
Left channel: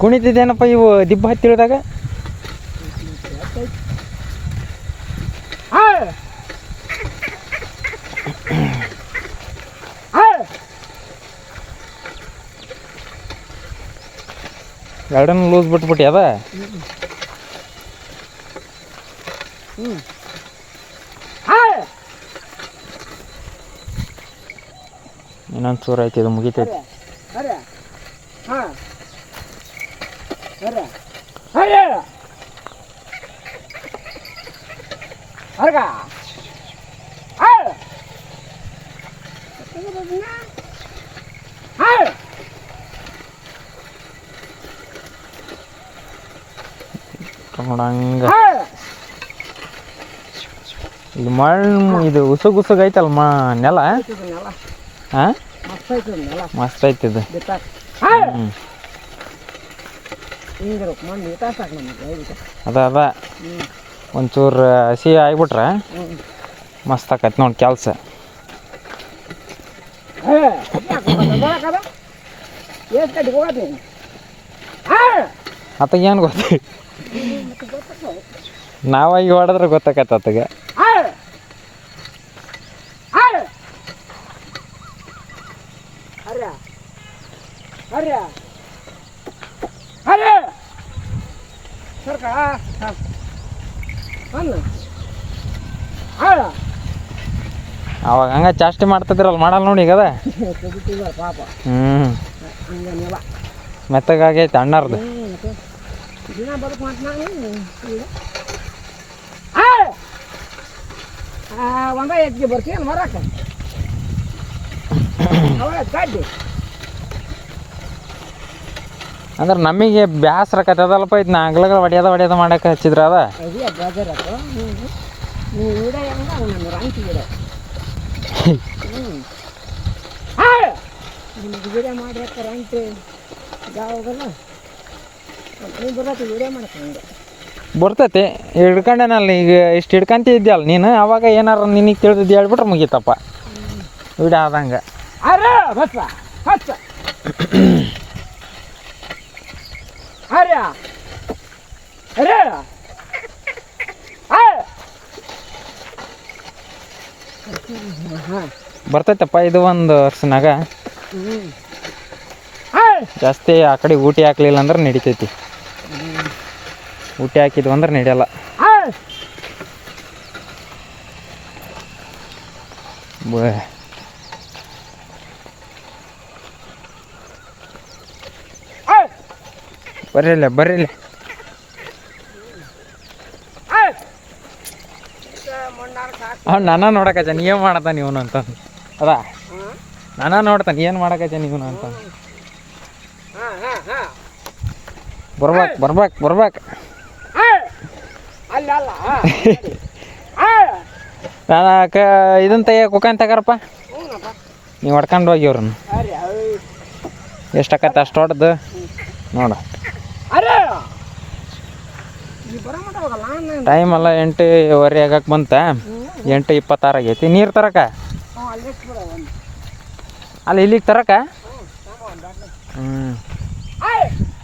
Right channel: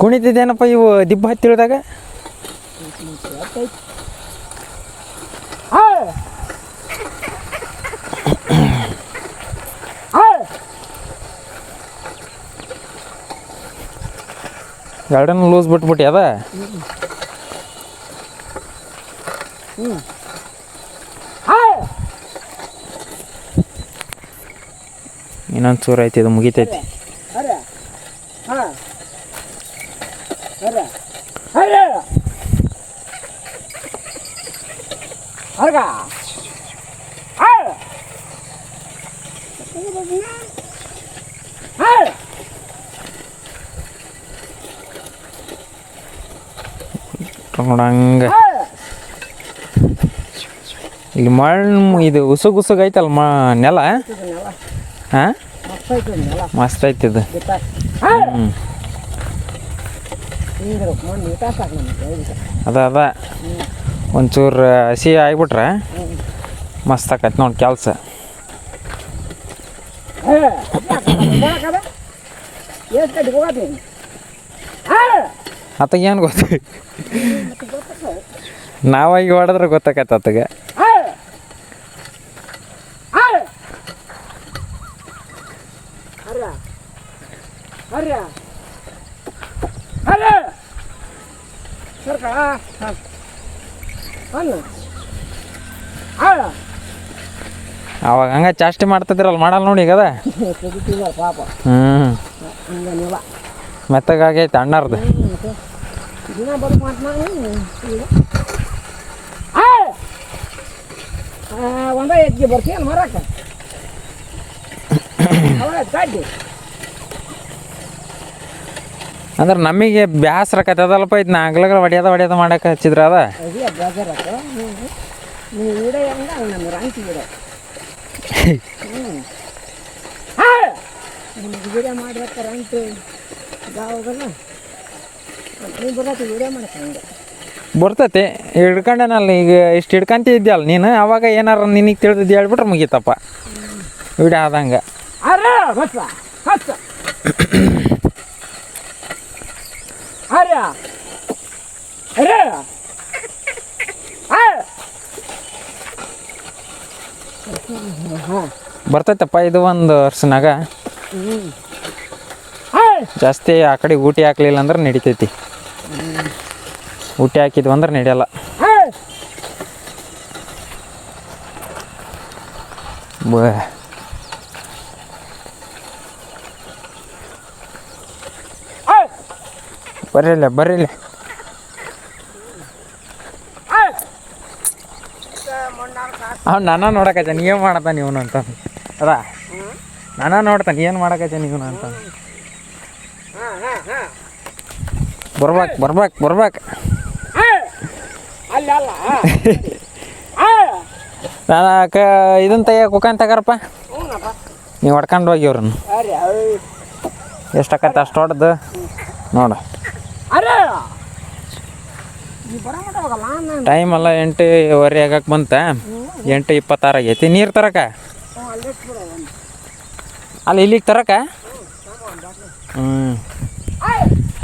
ಕುಣಿತಿದ್ದೇನಪ್ಪ ಇವು ದಿಬ್ಬ ಹತ್ತಿಳಿದಾಗ ಗಾರ್ಡನ್ ಲೂಸ್ ಬಿಟ್ಬಿಟ್ಟು ಅದ ಇನ್ನೊಂದು ಚೂರು ಐತಿ ಇದು ಮುಗಿತೈತಿ ಹಂಗ ಇಲ್ಲಿ ಮಣ್ಣು ಇದು ಉಸುಗ್ ಐತಲ್ಲ ನೆಲ ಹಾಂ ಮಸ್ತ್ ಐತಿದು ಅದ ಒಂಚೂರು ಹಸಿ ಆಗಿಬಿಟ್ರೆ ಮಸ್ತ್ ಆಕೈತಿ ನೋಡಿ ಕೆಲಸ ಆತಗ ಏನು ಗೊತ್ತಿ ನಾವಾಗಿ ಹೊಡೆದ್ರೆ ಗೊತ್ತಾಕೈತೆ ಆತಗೆ ಅವಾಗ ಹಂಗ ಚಾಷ್ಟಿ ಮಾಡ್ತಿದ್ರಲ್ಲ ಮಾಡಲ್ಲ ನೋಡಿ ಈಗ ಅದ ಮೆತ್ತಗಾಗೈತೆ ಅಣ್ಣಾರ್ದು ಒಂದ ಎತ್ತಿಗೆ ಬರ್ತೀಯ ಮರಕ ಅಂದ್ರೆ ನಮಗೆ ಬ್ಯಾಸ್ರ ಕತ್ತದಲ್ಪ ಇದು ನಾಗ್ಲಗಳ ಹೊಡ್ಯೋದ ಮಾಡಕ್ಕೆ ಹಚ್ಚಿದ್ರ ಅದ ಬರ್ತೈತಿ ಹಿಡ್ಕೊಂಡೇನಲ್ಲ ಈಗ ಇಷ್ಟು ಹಿಡ್ಕೊಂತಿದ್ಯಲ್ಲ ನೀನು ಅವಾಗ ಏನಾರ ನಿನಗೆ ತಿಳಿದಿದ್ದು ಹೇಳ್ಬಿಟ್ರೆ ಮುಗೀತಪ್ಪ ವಿಡಿಯೋ ಆದಂಗೆ ಬರ್ತೈತಪ್ಪ ಇದು ಒಂದು ವರ್ಷನಾಗ ಜಾಸ್ತಿ ಆ ಕಡೆ ಊಟಿ ಹಾಕ್ಲಿಲ್ಲ ಅಂದ್ರೆ ನಡಿತೈತಿ ಊಟಿ ಹಾಕಿದ್ವು ಅಂದ್ರೆ ನಡೆಯಲ್ಲ ಬರ್ರಿಲ್ಲ ಅವ್ನು ನನ್ನ ನೋಡಕತ್ತ ನೀ ಏನು ಮಾಡತ್ತಾನ ಇವನು ಅಂತ ಅದ ನನ್ನ ನೋಡ್ತಾನೆ ಏನು ಮಾಡಕತ್ತ ಇವನು ಅಂತ ಬರ್ಬೇಕು ನಾನು ಇದನ್ನ ತೆಗಿಯಕ್ಕೆ ಕುಕ್ಕನ್ ತಗಾರಪ್ಪ ನೀವು ಹೊಡ್ಕೊಂಡು ಹೋಗಿ ಅವ್ರನ್ನ ಎಷ್ಟಾಕತ್ತೆ ಅಷ್ಟು ಹೊಡೆದು ನೋಡು ಟೈಮ್ ಅಲ್ಲ 8:15 ಆಗಕ್ಕೆ ಬಂತ 8:26 ಆಗೈತಿ ನೀರು ತರಕ ಅಲ್ಲಿ ಇಲ್ಲಿಗೆ ತರಕ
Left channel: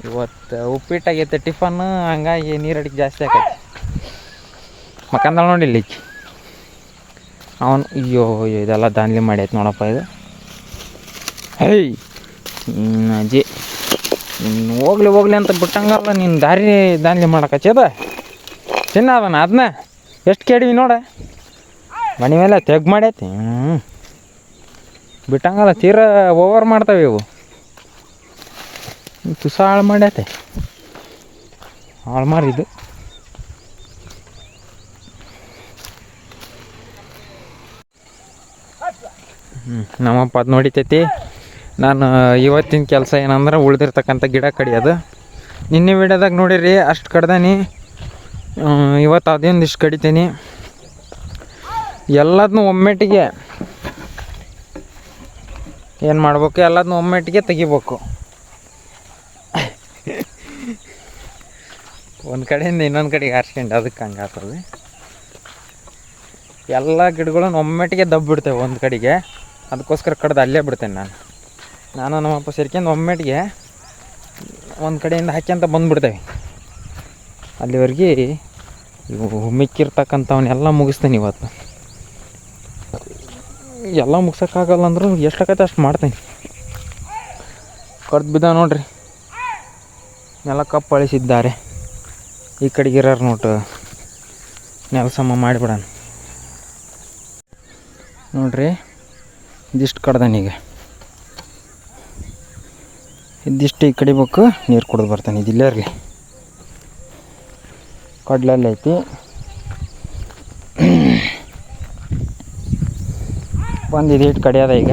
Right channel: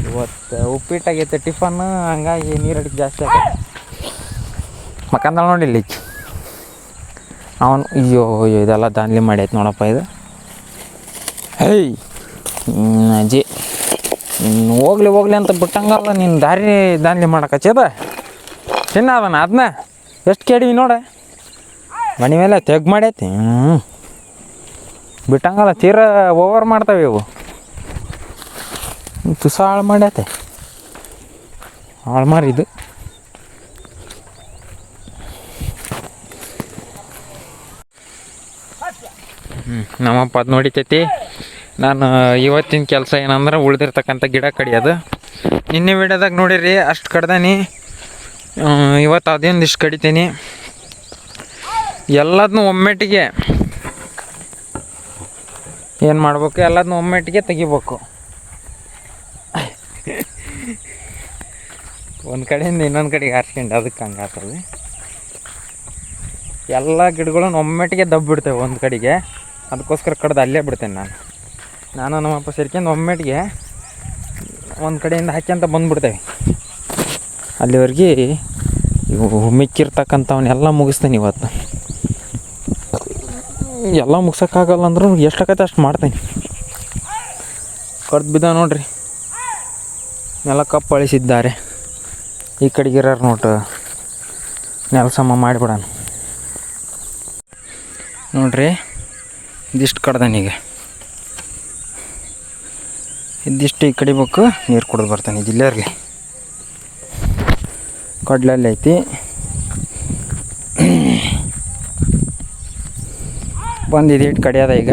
ಇವತ್ತು ಉಪ್ಪಿಟ್ಟಾಗೈತೆ ಟಿಫನ್ ಹಂಗಾಗಿ ನೀರು ಅಡಿಗೆ ಜಾಸ್ತಿ ಆಗೈತೆ ಮಕ್ಕಂದಳ ನೋಡಿ ಇಲ್ಲಿ ಅವನು ಅಯ್ಯೋ ಇದೆಲ್ಲ ದಾಂಧಲಿ ಮಾಡೈತೆ ನೋಡಪ್ಪ ಇದು ಹೇಯ್ ಅಜ್ಜಿ ನೀನು ಹೋಗ್ಲಿ ಅಂತ ಬಿಟ್ಟಂಗಲ್ಲ ನೀನು ದಾಂಧಲಿ ಮಾಡಕಚ್ಚದ ತಿನ್ನದನ ಅದನ್ನ ಎಷ್ಟು ಕೇಳಿವಿ ನೋಡ ಮನೆ ಮೇಲೆ ತೆಗ್ ಮಾಡೈತಿ ಬಿಟ್ಟಂಗಲ್ಲ ತೀರಾ ಓವರ್ ಮಾಡ್ತಾವೆ ಇವು ತುಸ ಹಾಳು ಮಾಡೈತೆ ಹಾಳು ಮಾರಿದು ನಮ್ಮಪ್ಪ ಅದು ನೋಡಿತೈತಿ ನಾನು ಇವತ್ತಿನ ಕೆಲಸ ಏನಂದ್ರೆ ಉಳ್ದಿರ್ತಕ್ಕಂಥ ಗಿಡ ಕಡಿಯೋದು ನಿನ್ನೆ ವಿಡಿಯೋದಾಗ ನೋಡಿರಿ ಅಷ್ಟು ಕಡ್ದಾನಿ. ಇವತ್ತು ಅದೇನು ಇಷ್ಟು ಕಡಿತೀನಿ. ಎಲ್ಲದನ್ನೂ ಒಮ್ಮೆಟ್ಟಿಗೆ ಏನು ಮಾಡ್ಬೇಕು, ಎಲ್ಲದನ್ನೂ ಒಮ್ಮೆಟ್ಟಿಗೆ ತೆಗಿಬೇಕು. ಒಂದು ಕಡೆಯಿಂದ ಇನ್ನೊಂದು ಕಡೆಗೆ ಹಾರ್ಸ್ಕೊಂಡು ಅದಕ್ಕೆ ಹಂಗೆ ಆಗ್ತದೆ. ಎಲ್ಲ ಗಿಡಗಳನ್ನು ಒಮ್ಮೆಟ್ಟಿಗೆ ದಬ್ಬಿಡ್ತೇವೆ ಒಂದು ಕಡೆಗೆ. ಅದಕ್ಕೋಸ್ಕರ ಕಡ್ದು ಅಲ್ಲೇ ಬಿಡ್ತೇನೆ ನಾನು ನಮ್ಮಪ್ಪ ಸೇರ್ಕೊಂಡು ಒಮ್ಮೆಟ್ಟಿಗೆ ಒಂದು ಕಡೆಯಿಂದ ಹಾಕ್ಯಂತ ಬಂದುಬಿಡ್ತೇವೆ. ಅಲ್ಲಿವರೆಗೆ ಇವು ಮಿಕ್ಕಿರ್ತಕ್ಕಂಥವನ್ನೆಲ್ಲ ಮುಗಿಸ್ತೇನೆ. ಇವತ್ತು ಎಲ್ಲ ಮುಗ್ಸೋಕ್ಕಾಗಲ್ಲ ಅಂದ್ರೂ ಎಷ್ಟಾಗತ್ತೆ ಅಷ್ಟು ಮಾಡ್ತೇನೆ. ಕಡ್ದು ಬಿದ್ದ ನೋಡ್ರಿ, ನೆಲ ಕಪ್ಪು ಅಳಿಸಿದ್ದಾರೆ. ಈ ಕಡೆಗಿರೋರು ನೋಟು ನೆಲ ಸಮ ಮಾಡಿಬಿಡೋಣ. ನೋಡ್ರಿ, ಇದಿಷ್ಟು ಕಡ್ದಾನೀಗ. ಇದಿಷ್ಟು ಈ ಕಡಿಬೇಕು, ನೀರು ಕುಡಿದು ಬರ್ತಾನೆ. ಇದಿಲ್ಲೇ ಇರಲಿ, ಕಡ್ಲೆಲ್ಲ ಐತಿ. ಬಂದಿದ್ದು ಇಟ್ಟು ಕಡಿಯೋದ ಈಗ.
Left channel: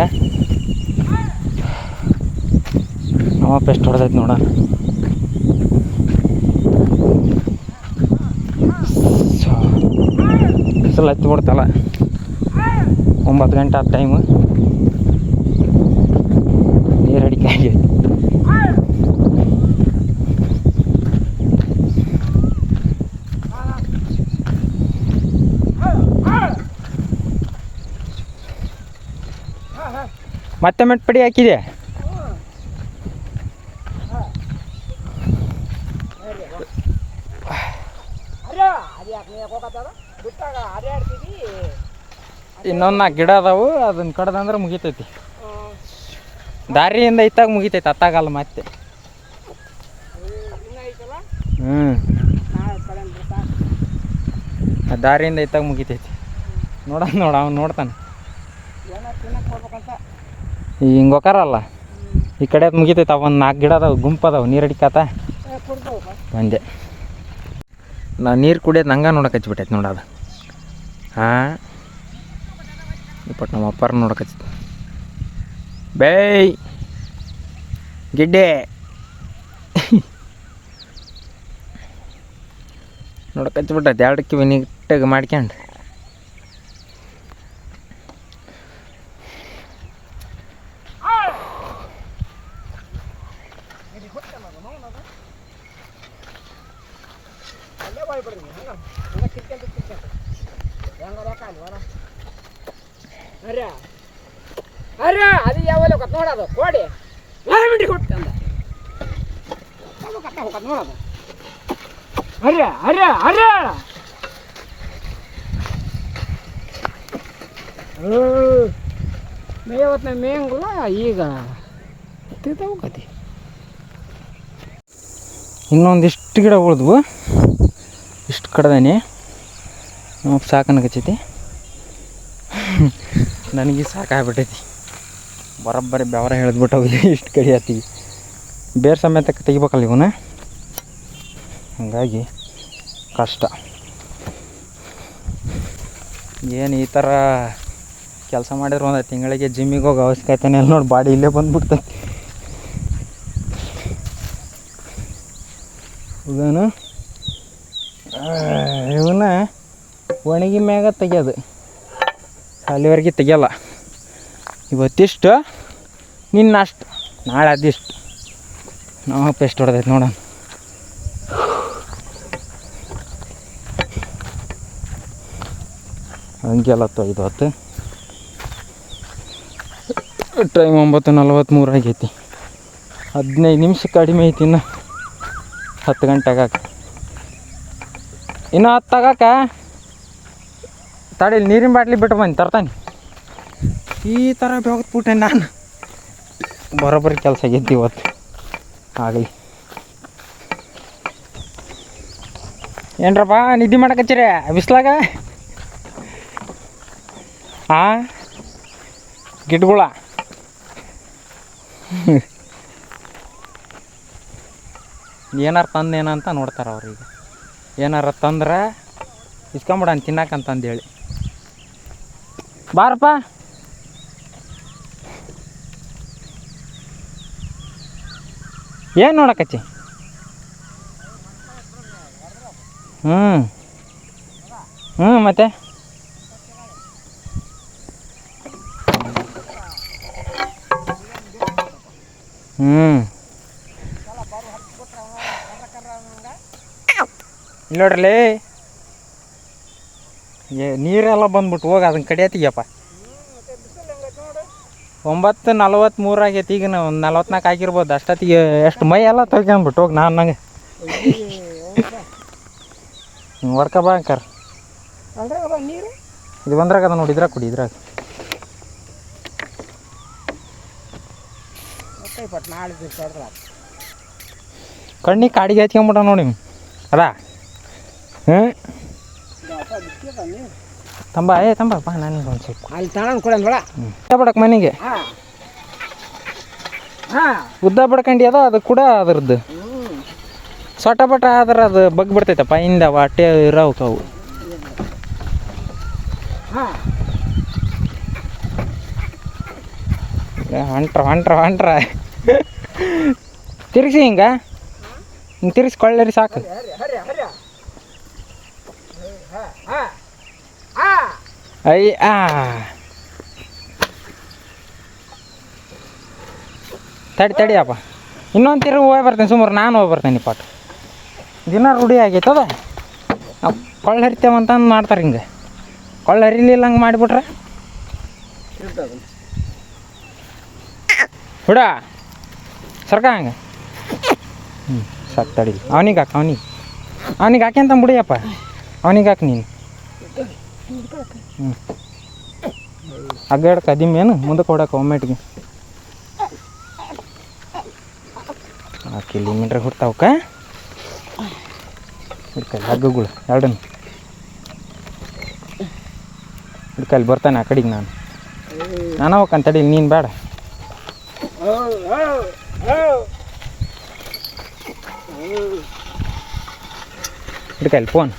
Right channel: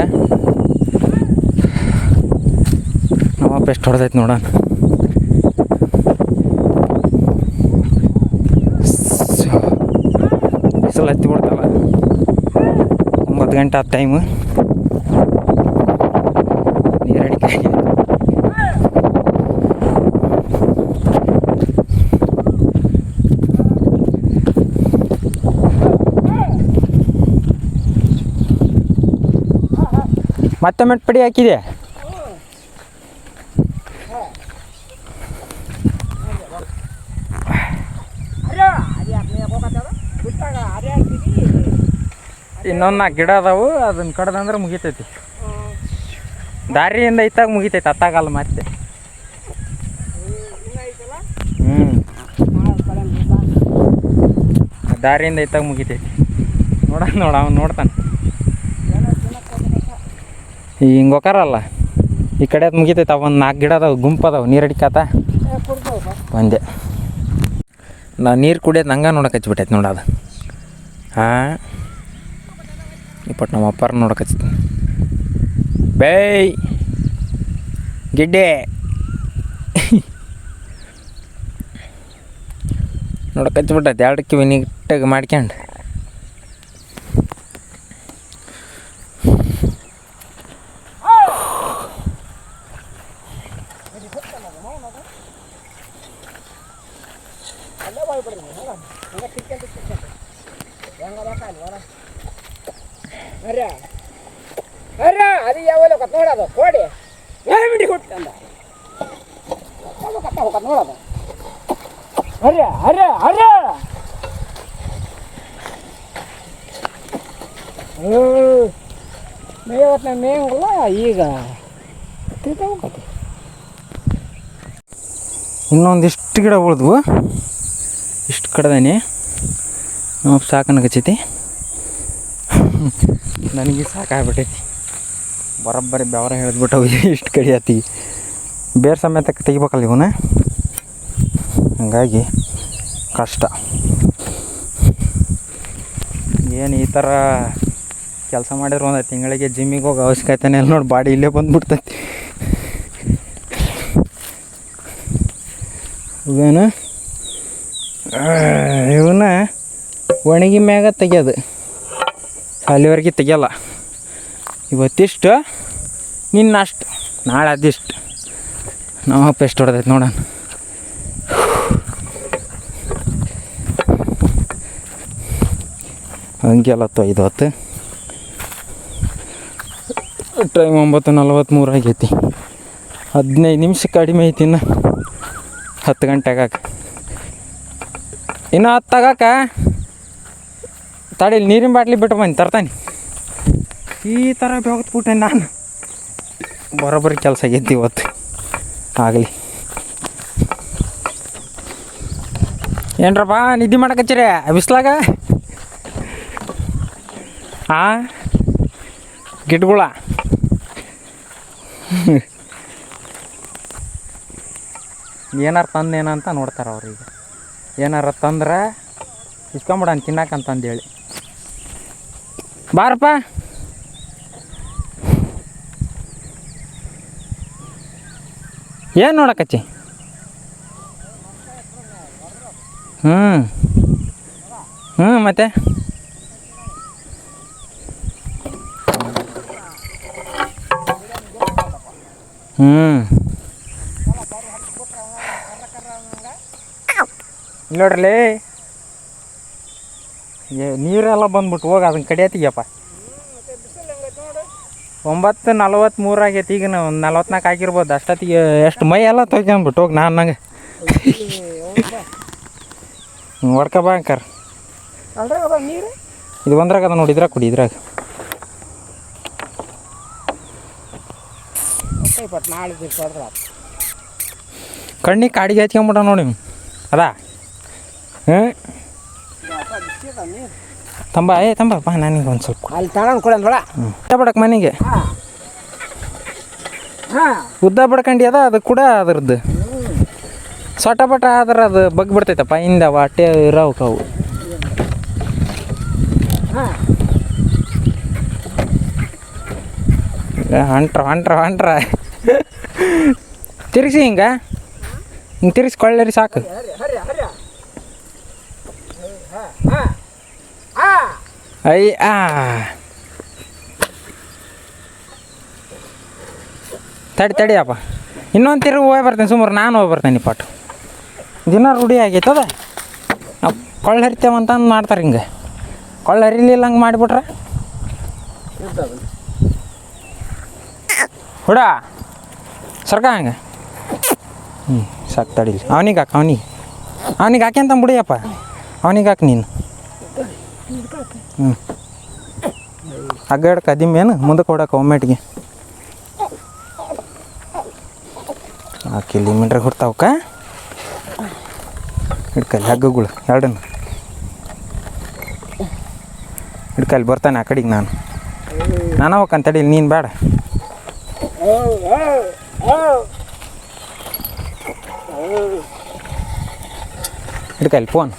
ನಮ್ಮಪ್ಪ ಎಷ್ಟು ಹೊಡೆದೈತೆ ನೋಡೋಣ. ಬಿಸಿಲು ಹತ್ತಿ ಬಿಡ್ತಲ್ಲ. 9 ಗಂಟೆ ಆದ ಟೈಮು. ನೀರು ಅಡಿಕೆ ಮತ್ತೆ ಮೆಟ್ ಪಡಿ ಹಾಕಿದೆ. ಇನ್ನೊಂದು 4 ಗಿಡ ಅದಾವು, ಅದನ್ನ ಕಡ್ದಂದ್ರೆ ಮುಗಿತೈತಿ. ದಾರಿಯಿಂದ ಇತ್ತಾಗ ಮುಗಿತೈತಿ, ಅತ್ತಾಗಲ್ಲ ಮತ್ತೆ. ದಾರಿಯಿಂದ ಇತ್ತಾಗ ಮುಗಿತೈತಿ. ನೋಡ ಅವ್ನು ನೋಡ್ತಾನೆ. ಈಗ ಹಿಂಗೆ ಹೋಕಾರಲ್ಲ, ಈ ಕಡೆ ಅದು ಮುಗಿತೈತೆ. ಒಂದು 4 ಗಿಡ ಅದಾವೆ, ಗುಂಪು ಅದಾವೆ. ನೀರು ಅಡಿಕಾತ ಬಂದೆ. ನಾವು ನೀರು ಕುಡಿಯೋದು ಹಂಗೆ ನೋಡಕ್ಕೆ ಹಚ್ಬಿಟ್ಟೈತೆ ನೋಡೋದು. ಹಾಂ, ಇಪ್ಪಟ್ಟು ನಮ್ಮ ಅಪ್ಪಾರ ನೋಡಕ್ಕೆ ಹಚ್ಚಿತ್ತು. ಬೇಯ್ ಗಿಡ್ಡೆ ನೋಡಕ್ಕೆ ಹಚ್ಬಿಟ್ಟೈತೆ. 2 ಕಿವಿ ನೀಟಾಗಿ ಮಾಡ್ಕೊಂಡು. ಅದು ಯಾವಲ್ಲ ನೋಡೋದು ಕೋಡಿ ಯಾವ ಮಿಂಡಿ ಕೊಟ್ಟಂದ ನೋಡೋದು. ಹರ್ಯ ಹರ್ಯ ಹರ್ಯ ಮೇವತ್ನ ಮೇಂಗಿಲ್ಲ ಈಗ ತಿಳ್ಕೊಬೇಕತಿ. ಇನ್ನೊಂದಿಷ್ಟು ಗಿಡ ಉಳಿದ್ವು, ಇಷ್ಟು ಕಡ್ದಾನೆ. ನಮ್ಮ ಸಾಕನ ಹಚ್ಚೈತಿ. ನನಗೆ ಸಾಕಾಗ್ಬಿಟ್ಟೈತಿ. ಬರೋಬ್ಬರಿ ಬೆವರ ಹೇಳಿದ್ಬಿಟ್ಟವು. ಇಷ್ಟು ಕಡಿಯತ್ತೀವಿ, ಬೇರೆ ಸಮೇತ ತೆಗಿಬೇಕಲ್ಲ ಇವನು. ಹಂಗಾಗಿ ಕಷ್ಟ. ಏನು ಈ ಥರ ಕೆಲಸ ಮಾಡಿದ್ರೆ 1 ತಿಂಗಳಿಗೆ ಜಿಮ್ಮಿಗೆ ಹೋಗೋ ಅವಶ್ಯಕತೆನೇ ಇಲ್ಲ ನೋಡಿ. ಬಾಡಿ ಇಲ್ಲೇ ಬಂದುಬಿಡ್ತೈತಿ. ಇವನ್ನ ಒಣಗಿ ಮ್ಯಾಗ ತೆಗಿಯೋದು, ಅಲ್ಲಿವರೆಗೆ ತೆಗಿಯಲ್ಲ. ಇವತ್ತಿಷ್ಟು, ನಿನ್ನಷ್ಟು, ನಾಳೆ ಅದಿಷ್ಟು. ನಮ್ಮಪ್ಪ ಎಷ್ಟು ಹೊಡೆದೈತೆ ನೋಡೋಣ. ಹಂಗೆಲ್ಲತ್ತು 5 ಹೊತ್ತು. ಟೈಮ್ 9:43 ಆಗೈತಿ. 15 ನಿಮಿಷ ಕಡಿಮೆ ಐತಿ. ಇನ್ನು 10 ಗಂಟೆ ಆಗಾಕ. ಇನ್ನು 10 ಆಗಾಕ ತಡಿ. ನೀರಿನ ಬಾಟ್ಲಿ ಬಿಟ್ಟು ಬಂದು ತರ್ತಾನೆ. ಈ ಥರ ಬೆವತ್ಬಿಟ್ಟೆ ನಾನು. ಬರೋಬ್ಬರಿ ಕೆಲಸ ಆಗೈತಿ ಇವತ್ತು. ಆಗಲಿ ಏನ್ರಪ್ಪ ನಿದ್ದೆ ಮಾಡಕತ್ತೀರ ಬಿಸ್ಲಾಗ? ಹಾಂ, ಗಿಡಗಳ ಏನಾರು ತಂದೇನಂತ ನೋಡ್ತಾರೆ ಅವ್ರಿಗೆ. ಏನಾರ ತಂದ್ರೆ ಇಸ್ಕೊಂಬಿಡೋಣ ತಿನ್ನಕಂತಂದೇಳಿ. ಬಾರಪ್ಪ. ಏನು ನೋಡಕತ್ತಿ? ಹ್ಞೂ ಹ್ಞೂ ಮತ್ತೆ ಹ್ಞೂ ಇಲ್ಲಿ ನೋಡ್ರಲೇ ನೀರೆಲ್ಲ ಬಂದ್ಬಿಟ್ಟು ಹೋಗಿ ಅದನ್ನ ಕಡಿಯತ್ತೀಯಪ್ಪ 9:43 ಆಗೈತಿ. ಈಗ ನಾವು 44 ಆಗಿರ್ಬೋದು. ಅಷ್ಟೊತ್ತಿಗೆ ಎಷ್ಟು ಮೈ ಎಲ್ಲ ತೆಗ್ಕೊಂಡ್ಬಿಟ್ಟು ಹೋಗಿ ನಾನು ನಂಗೆ ಹೊಡ್ಕ ಬಾ ಅಂಕರ್. ಇದು ಒಂದ್ರಾಗ ಅದ ನೋಡಿ, ಇದ್ರಾಗ ಕುಡಿ, ಇದ್ರಾಗ ಕಣ್ಣಿಗೆ ಕಾಡಿಗೆ ಹಚ್ಕೊಂಬಿಟ್ಟ ನೋಡಿ ಅದಾ. ಹ್ಞೂ ತಂಬ ತಂಬಪ್ಪ ನನಗೆ ಒಂದು ಸ್ವಲ್ಪ ಅಲ್ಲಿ ತಗೊಂಡು ಕೊಡೋಣ ಬೇಡ. ಬಡಕ್ಕೆ ಮನೆಗೆ ಉದ್ದ ಬಡ್ಕಂಡು ಅದ ಅದು ಕೂಡ ಅದ್ರದ್ದು ಸೊಟ ಬಟ ಆದ್ರೆ ಅದು ಬಗ್ ಬಿಡ್ತೈತಪ್ಪ ಹಿಂದೆ ಹೊಟ್ಟೆ ಇರೋವು ಕಾವು. ಹೊಂಟ್ರ ತಿರ್ಗಿಸಿ ಹಿಂಗೆ ತಿರ್ಗಿಸ್ಕೊಳ್ಳಿ ಸಾಕು. ತಡಿಯಪ್ಪ, ಇನ್ನೊಂದು ತಿರುಗಿ ಹೋಗಿ ಬರ್ತೇನೆ. ಸುಮಾರು ನಾನು ಹೋಗಿ ಬರ್ತೇನೆ. ಪಾಠ ದಿನ ರೂಢಿ ಆಗೈತದ. ನಾವು ಕೊಳ್ಳ ಹರಿತೇವಂತ ಮಾಡ್ತಾರೆ. ಹಿಂಗೆ ಕೊಳ್ಳ ಹರಿಲಿಲ್ಲ ಹಂಗೆ ಮಾಡಿಬಿಟ್ರೆ ಹುಡ ಸರ್ಕ ಹಂಗೆ. ಸಾಕು ತಡಿಲಿ. ಅವನಿಗೆ ಹಾಕಿ ಅವನಿಗೆ ಹಾಕ್ಯಂತ ಬಿಡಿಯಪ್ಪ. ಅವನಿಗೆ ಹಾಕಿ ನೀನು. ಹಗ್ಗಡ ಕದಿಮೇನು ಮುಂದಕ್ಕೆ ಹೊಡಕ್ಕೆ ಒಮ್ಮೆಟ್ಗೆ ಕಿಲೋಮೀಟ್ರ್ ಹುಡ್ತಾವಕ್ಕ. ಹಿಡ್ಕಲ್ಲಿ ಹಗ್ಗಗಳು ಎರಡನ್ನು ಹಿಡ್ಕಲ್ಲಿ ಬರ್ತಾನೆ ಆ ಕಡೆಗೆ. ನಾನು ಹೋಗ್ಕಂತ ತಡೀಲಿ, ನೀನು ಬೇಡ. ಹಿಡ್ಕಲ್ಲಿ ಫೋನ್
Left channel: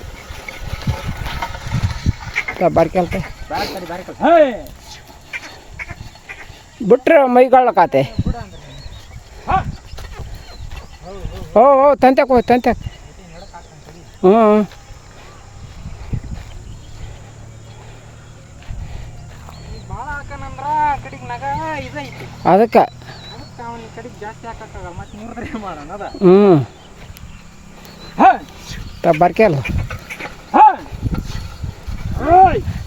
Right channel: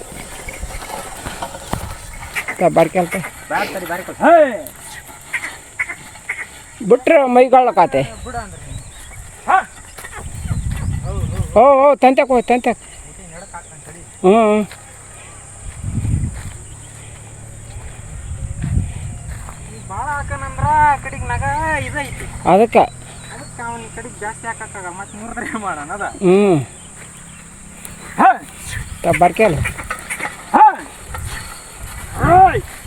ಬರ್ಕಲ್ತ ಬಿಟ್ರೆ ಮೈಗಾಳಕಾತೆ. ಓ ತಂತ್ಯಾಕ ಹೋಗಿ ತಂತ್ಯಾಕ. ಹ್ಞೂ ಭಾಳ ಹಾಕನಂದ್ರ ಕಡೆಗೆ ನಗ ಇದೈತಿ. ಅದಕ್ಕೆ ಅವನ ಕಡೆಗೆ ಜಾಸ್ತಿ ಹಾಕಕ್ಕಾಗ ಮತ್ತೆ ಮುರಿದ್ರೆ ಮಾಡೋಣ ಅದ. ಬರ್ಕಲ್ಲ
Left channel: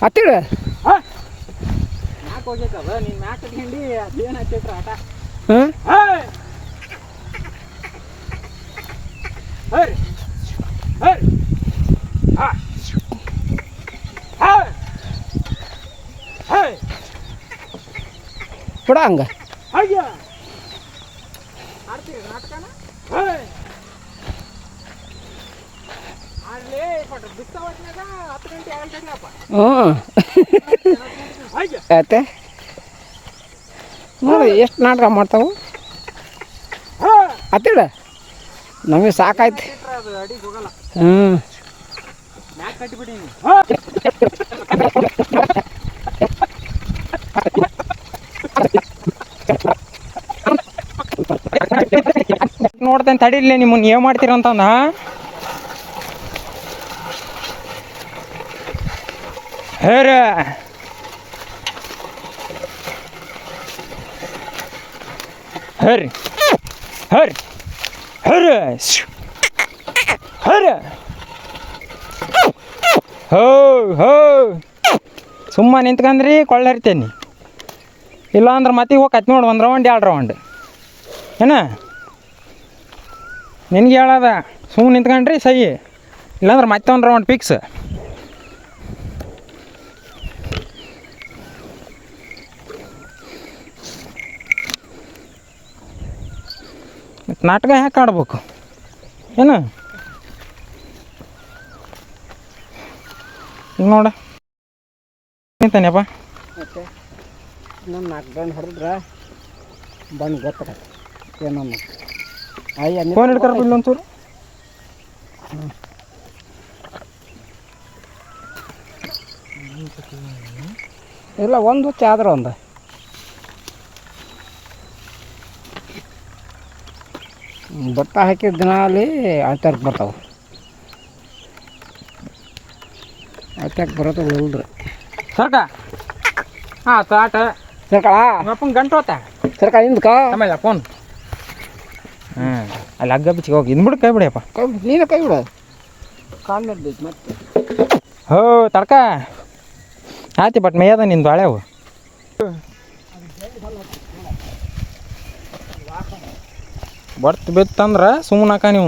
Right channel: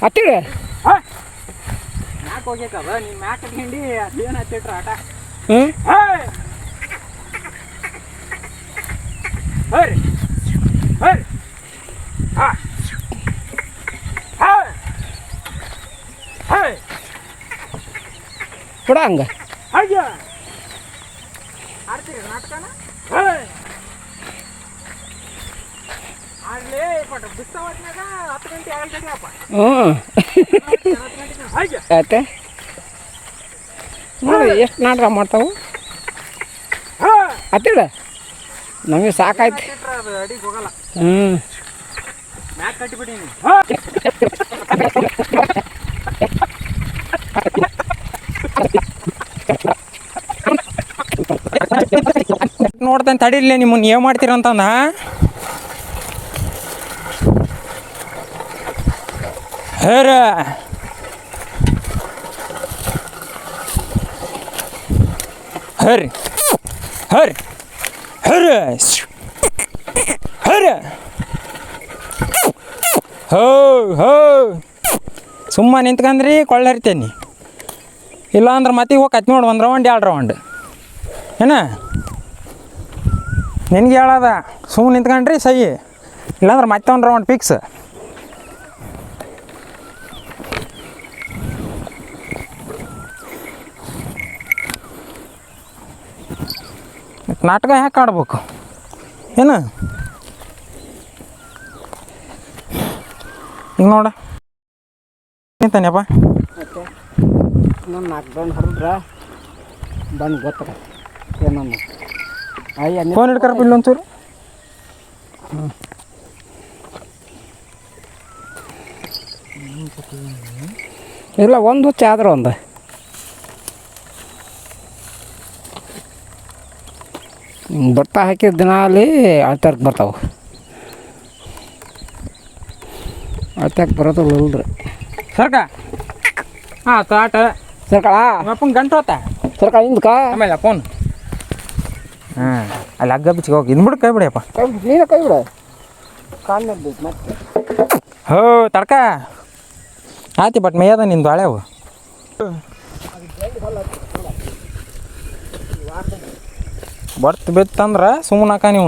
ಹತ್ತಿರ ಮ್ಯಾಕ್ ಹೋಗೈತದ. ನೀನು ಮ್ಯಾಕ್ ಕಟ್ಕೊಂಡು ಅದೇನು ಹತ್ತಿಟ್ರ ಆಟ. ಕೊಡ ಹಂಗೆ ಆಡ್ತೀರಿ ನಾಟಕನ. ಆಡ್ಲೇ ಪಟ್ಟ ಬಿಸ್ತಾವತ್ನಾಗ 10 ಗಂಟೆ ಆಗಲ್ತಪ್ಪ. ಆಯ್ತಾ ನೋಡಿ ಎಷ್ಟು ನಾಟಕ ಮಾಡ್ತಾವು. ಹತ್ತಿರ ನಮಗೆ ಸಾಕಾಯ್ತು. ಅದು ಅಡಿಗೆ ಹೋಗಲ್ಲ. ಮ್ಯಾಕ್ ಕಟ್ಟಿಬಿಟ್ಟೀನಿ. ನೋಡ್ತೇನೆ ತಡಿಲೇ ನಿಮ್ಮನ್ನು ಏನು ಮಾಡ್ತೀರಂತಂದ. ಹೇರ ಹರಿ ಹರಿ ಹರಿ ಹರಿ ಹೋ ಸುಮ್ಮ ನಿಂತ್ಕಂದ್ರಿ ಕೊಳ್ಳ ಹರಿತೇನೆ. ಇಲ್ಲ ಅಂದ್ರೆ ಮತ್ತೆ ಹೋಗತ್ ನೋಡಿ 1 ರೌಂಡ್ 2 ರೌಂಡ್ ಏನ ನಿನ್ಗೆ ಹೇಳದ. ಸುಮ್ಮನೆ ನಿಂತ್ಕೊಂಡ್ರಿ ಸಹಿ, ಇಲ್ಲಾಂದ್ರೆ ಮತ್ತೆ 1 ರೌಂಡ್ ಫಿಕ್ಸ್. ನಾಟಕ ಯಾಕೆ ಆಡ್ಬೇಕು ಏನು? ಈಗ ನೋಡ ನಿಂತಾನೆಪ್ಪ. ಇನ್ನೊಂದು 4 ರೌಂಡ್ ಹೊಡೆದ್ರೆ ಬಂದು ಗೊತ್ತಾಗ ಫೋನ್ ಹಿಡ್ಕರ ಬಿಡ್ಲಿ ಒಂಚೂರು. ಇಲ್ಲ ಒಂದು ಹುಚ್ಚ ಆದ್ರೆ ಒಂದು ಬಟ್ಟ ಹಾಕಿದ ದಿನ ಅಲ್ಲಿ ಅಳ್ತಾರಕ್ಕೆ ಬರ್ತಾವೆ. ಅಟ್ಯಾಕ್ ಬರೋದಿಲ್ಲ ಸರ್ಕ ಹಾಂ ತಾಟ ಸರ್ಕಳ ಅಪ್ಪನ ಗಂಟು ಹೋತ ಸರ್ಕಳ ಹಿಂದ್ಕ ಆಮೇಲೆ ಫೋನ್ ಹಾಂ ಅಲ್ಲಿ ಹಗ್ಗ ಬಿಚ್ಚಿಗೆ ಹೋಗಿ ಇಂದ್ಬಿಡು ಕೈ ಬಿಡಿಯಪ್ಪ ನೀನೇ ಕೈ ಬಿಡ ಸಣ್ಣದ್ದು ಮತ್ತೆ ಹೋ ತಡ್ಕ ಆಯ್ತು ಬಟ್ ಮೇಯದ ನಿಂದು ಹಳೆವು ಬರ್ತು ಬಿತ್ತಂದ್ರೆ ಸುಮ್ಮನೆ ಹಾಕ ನೀವು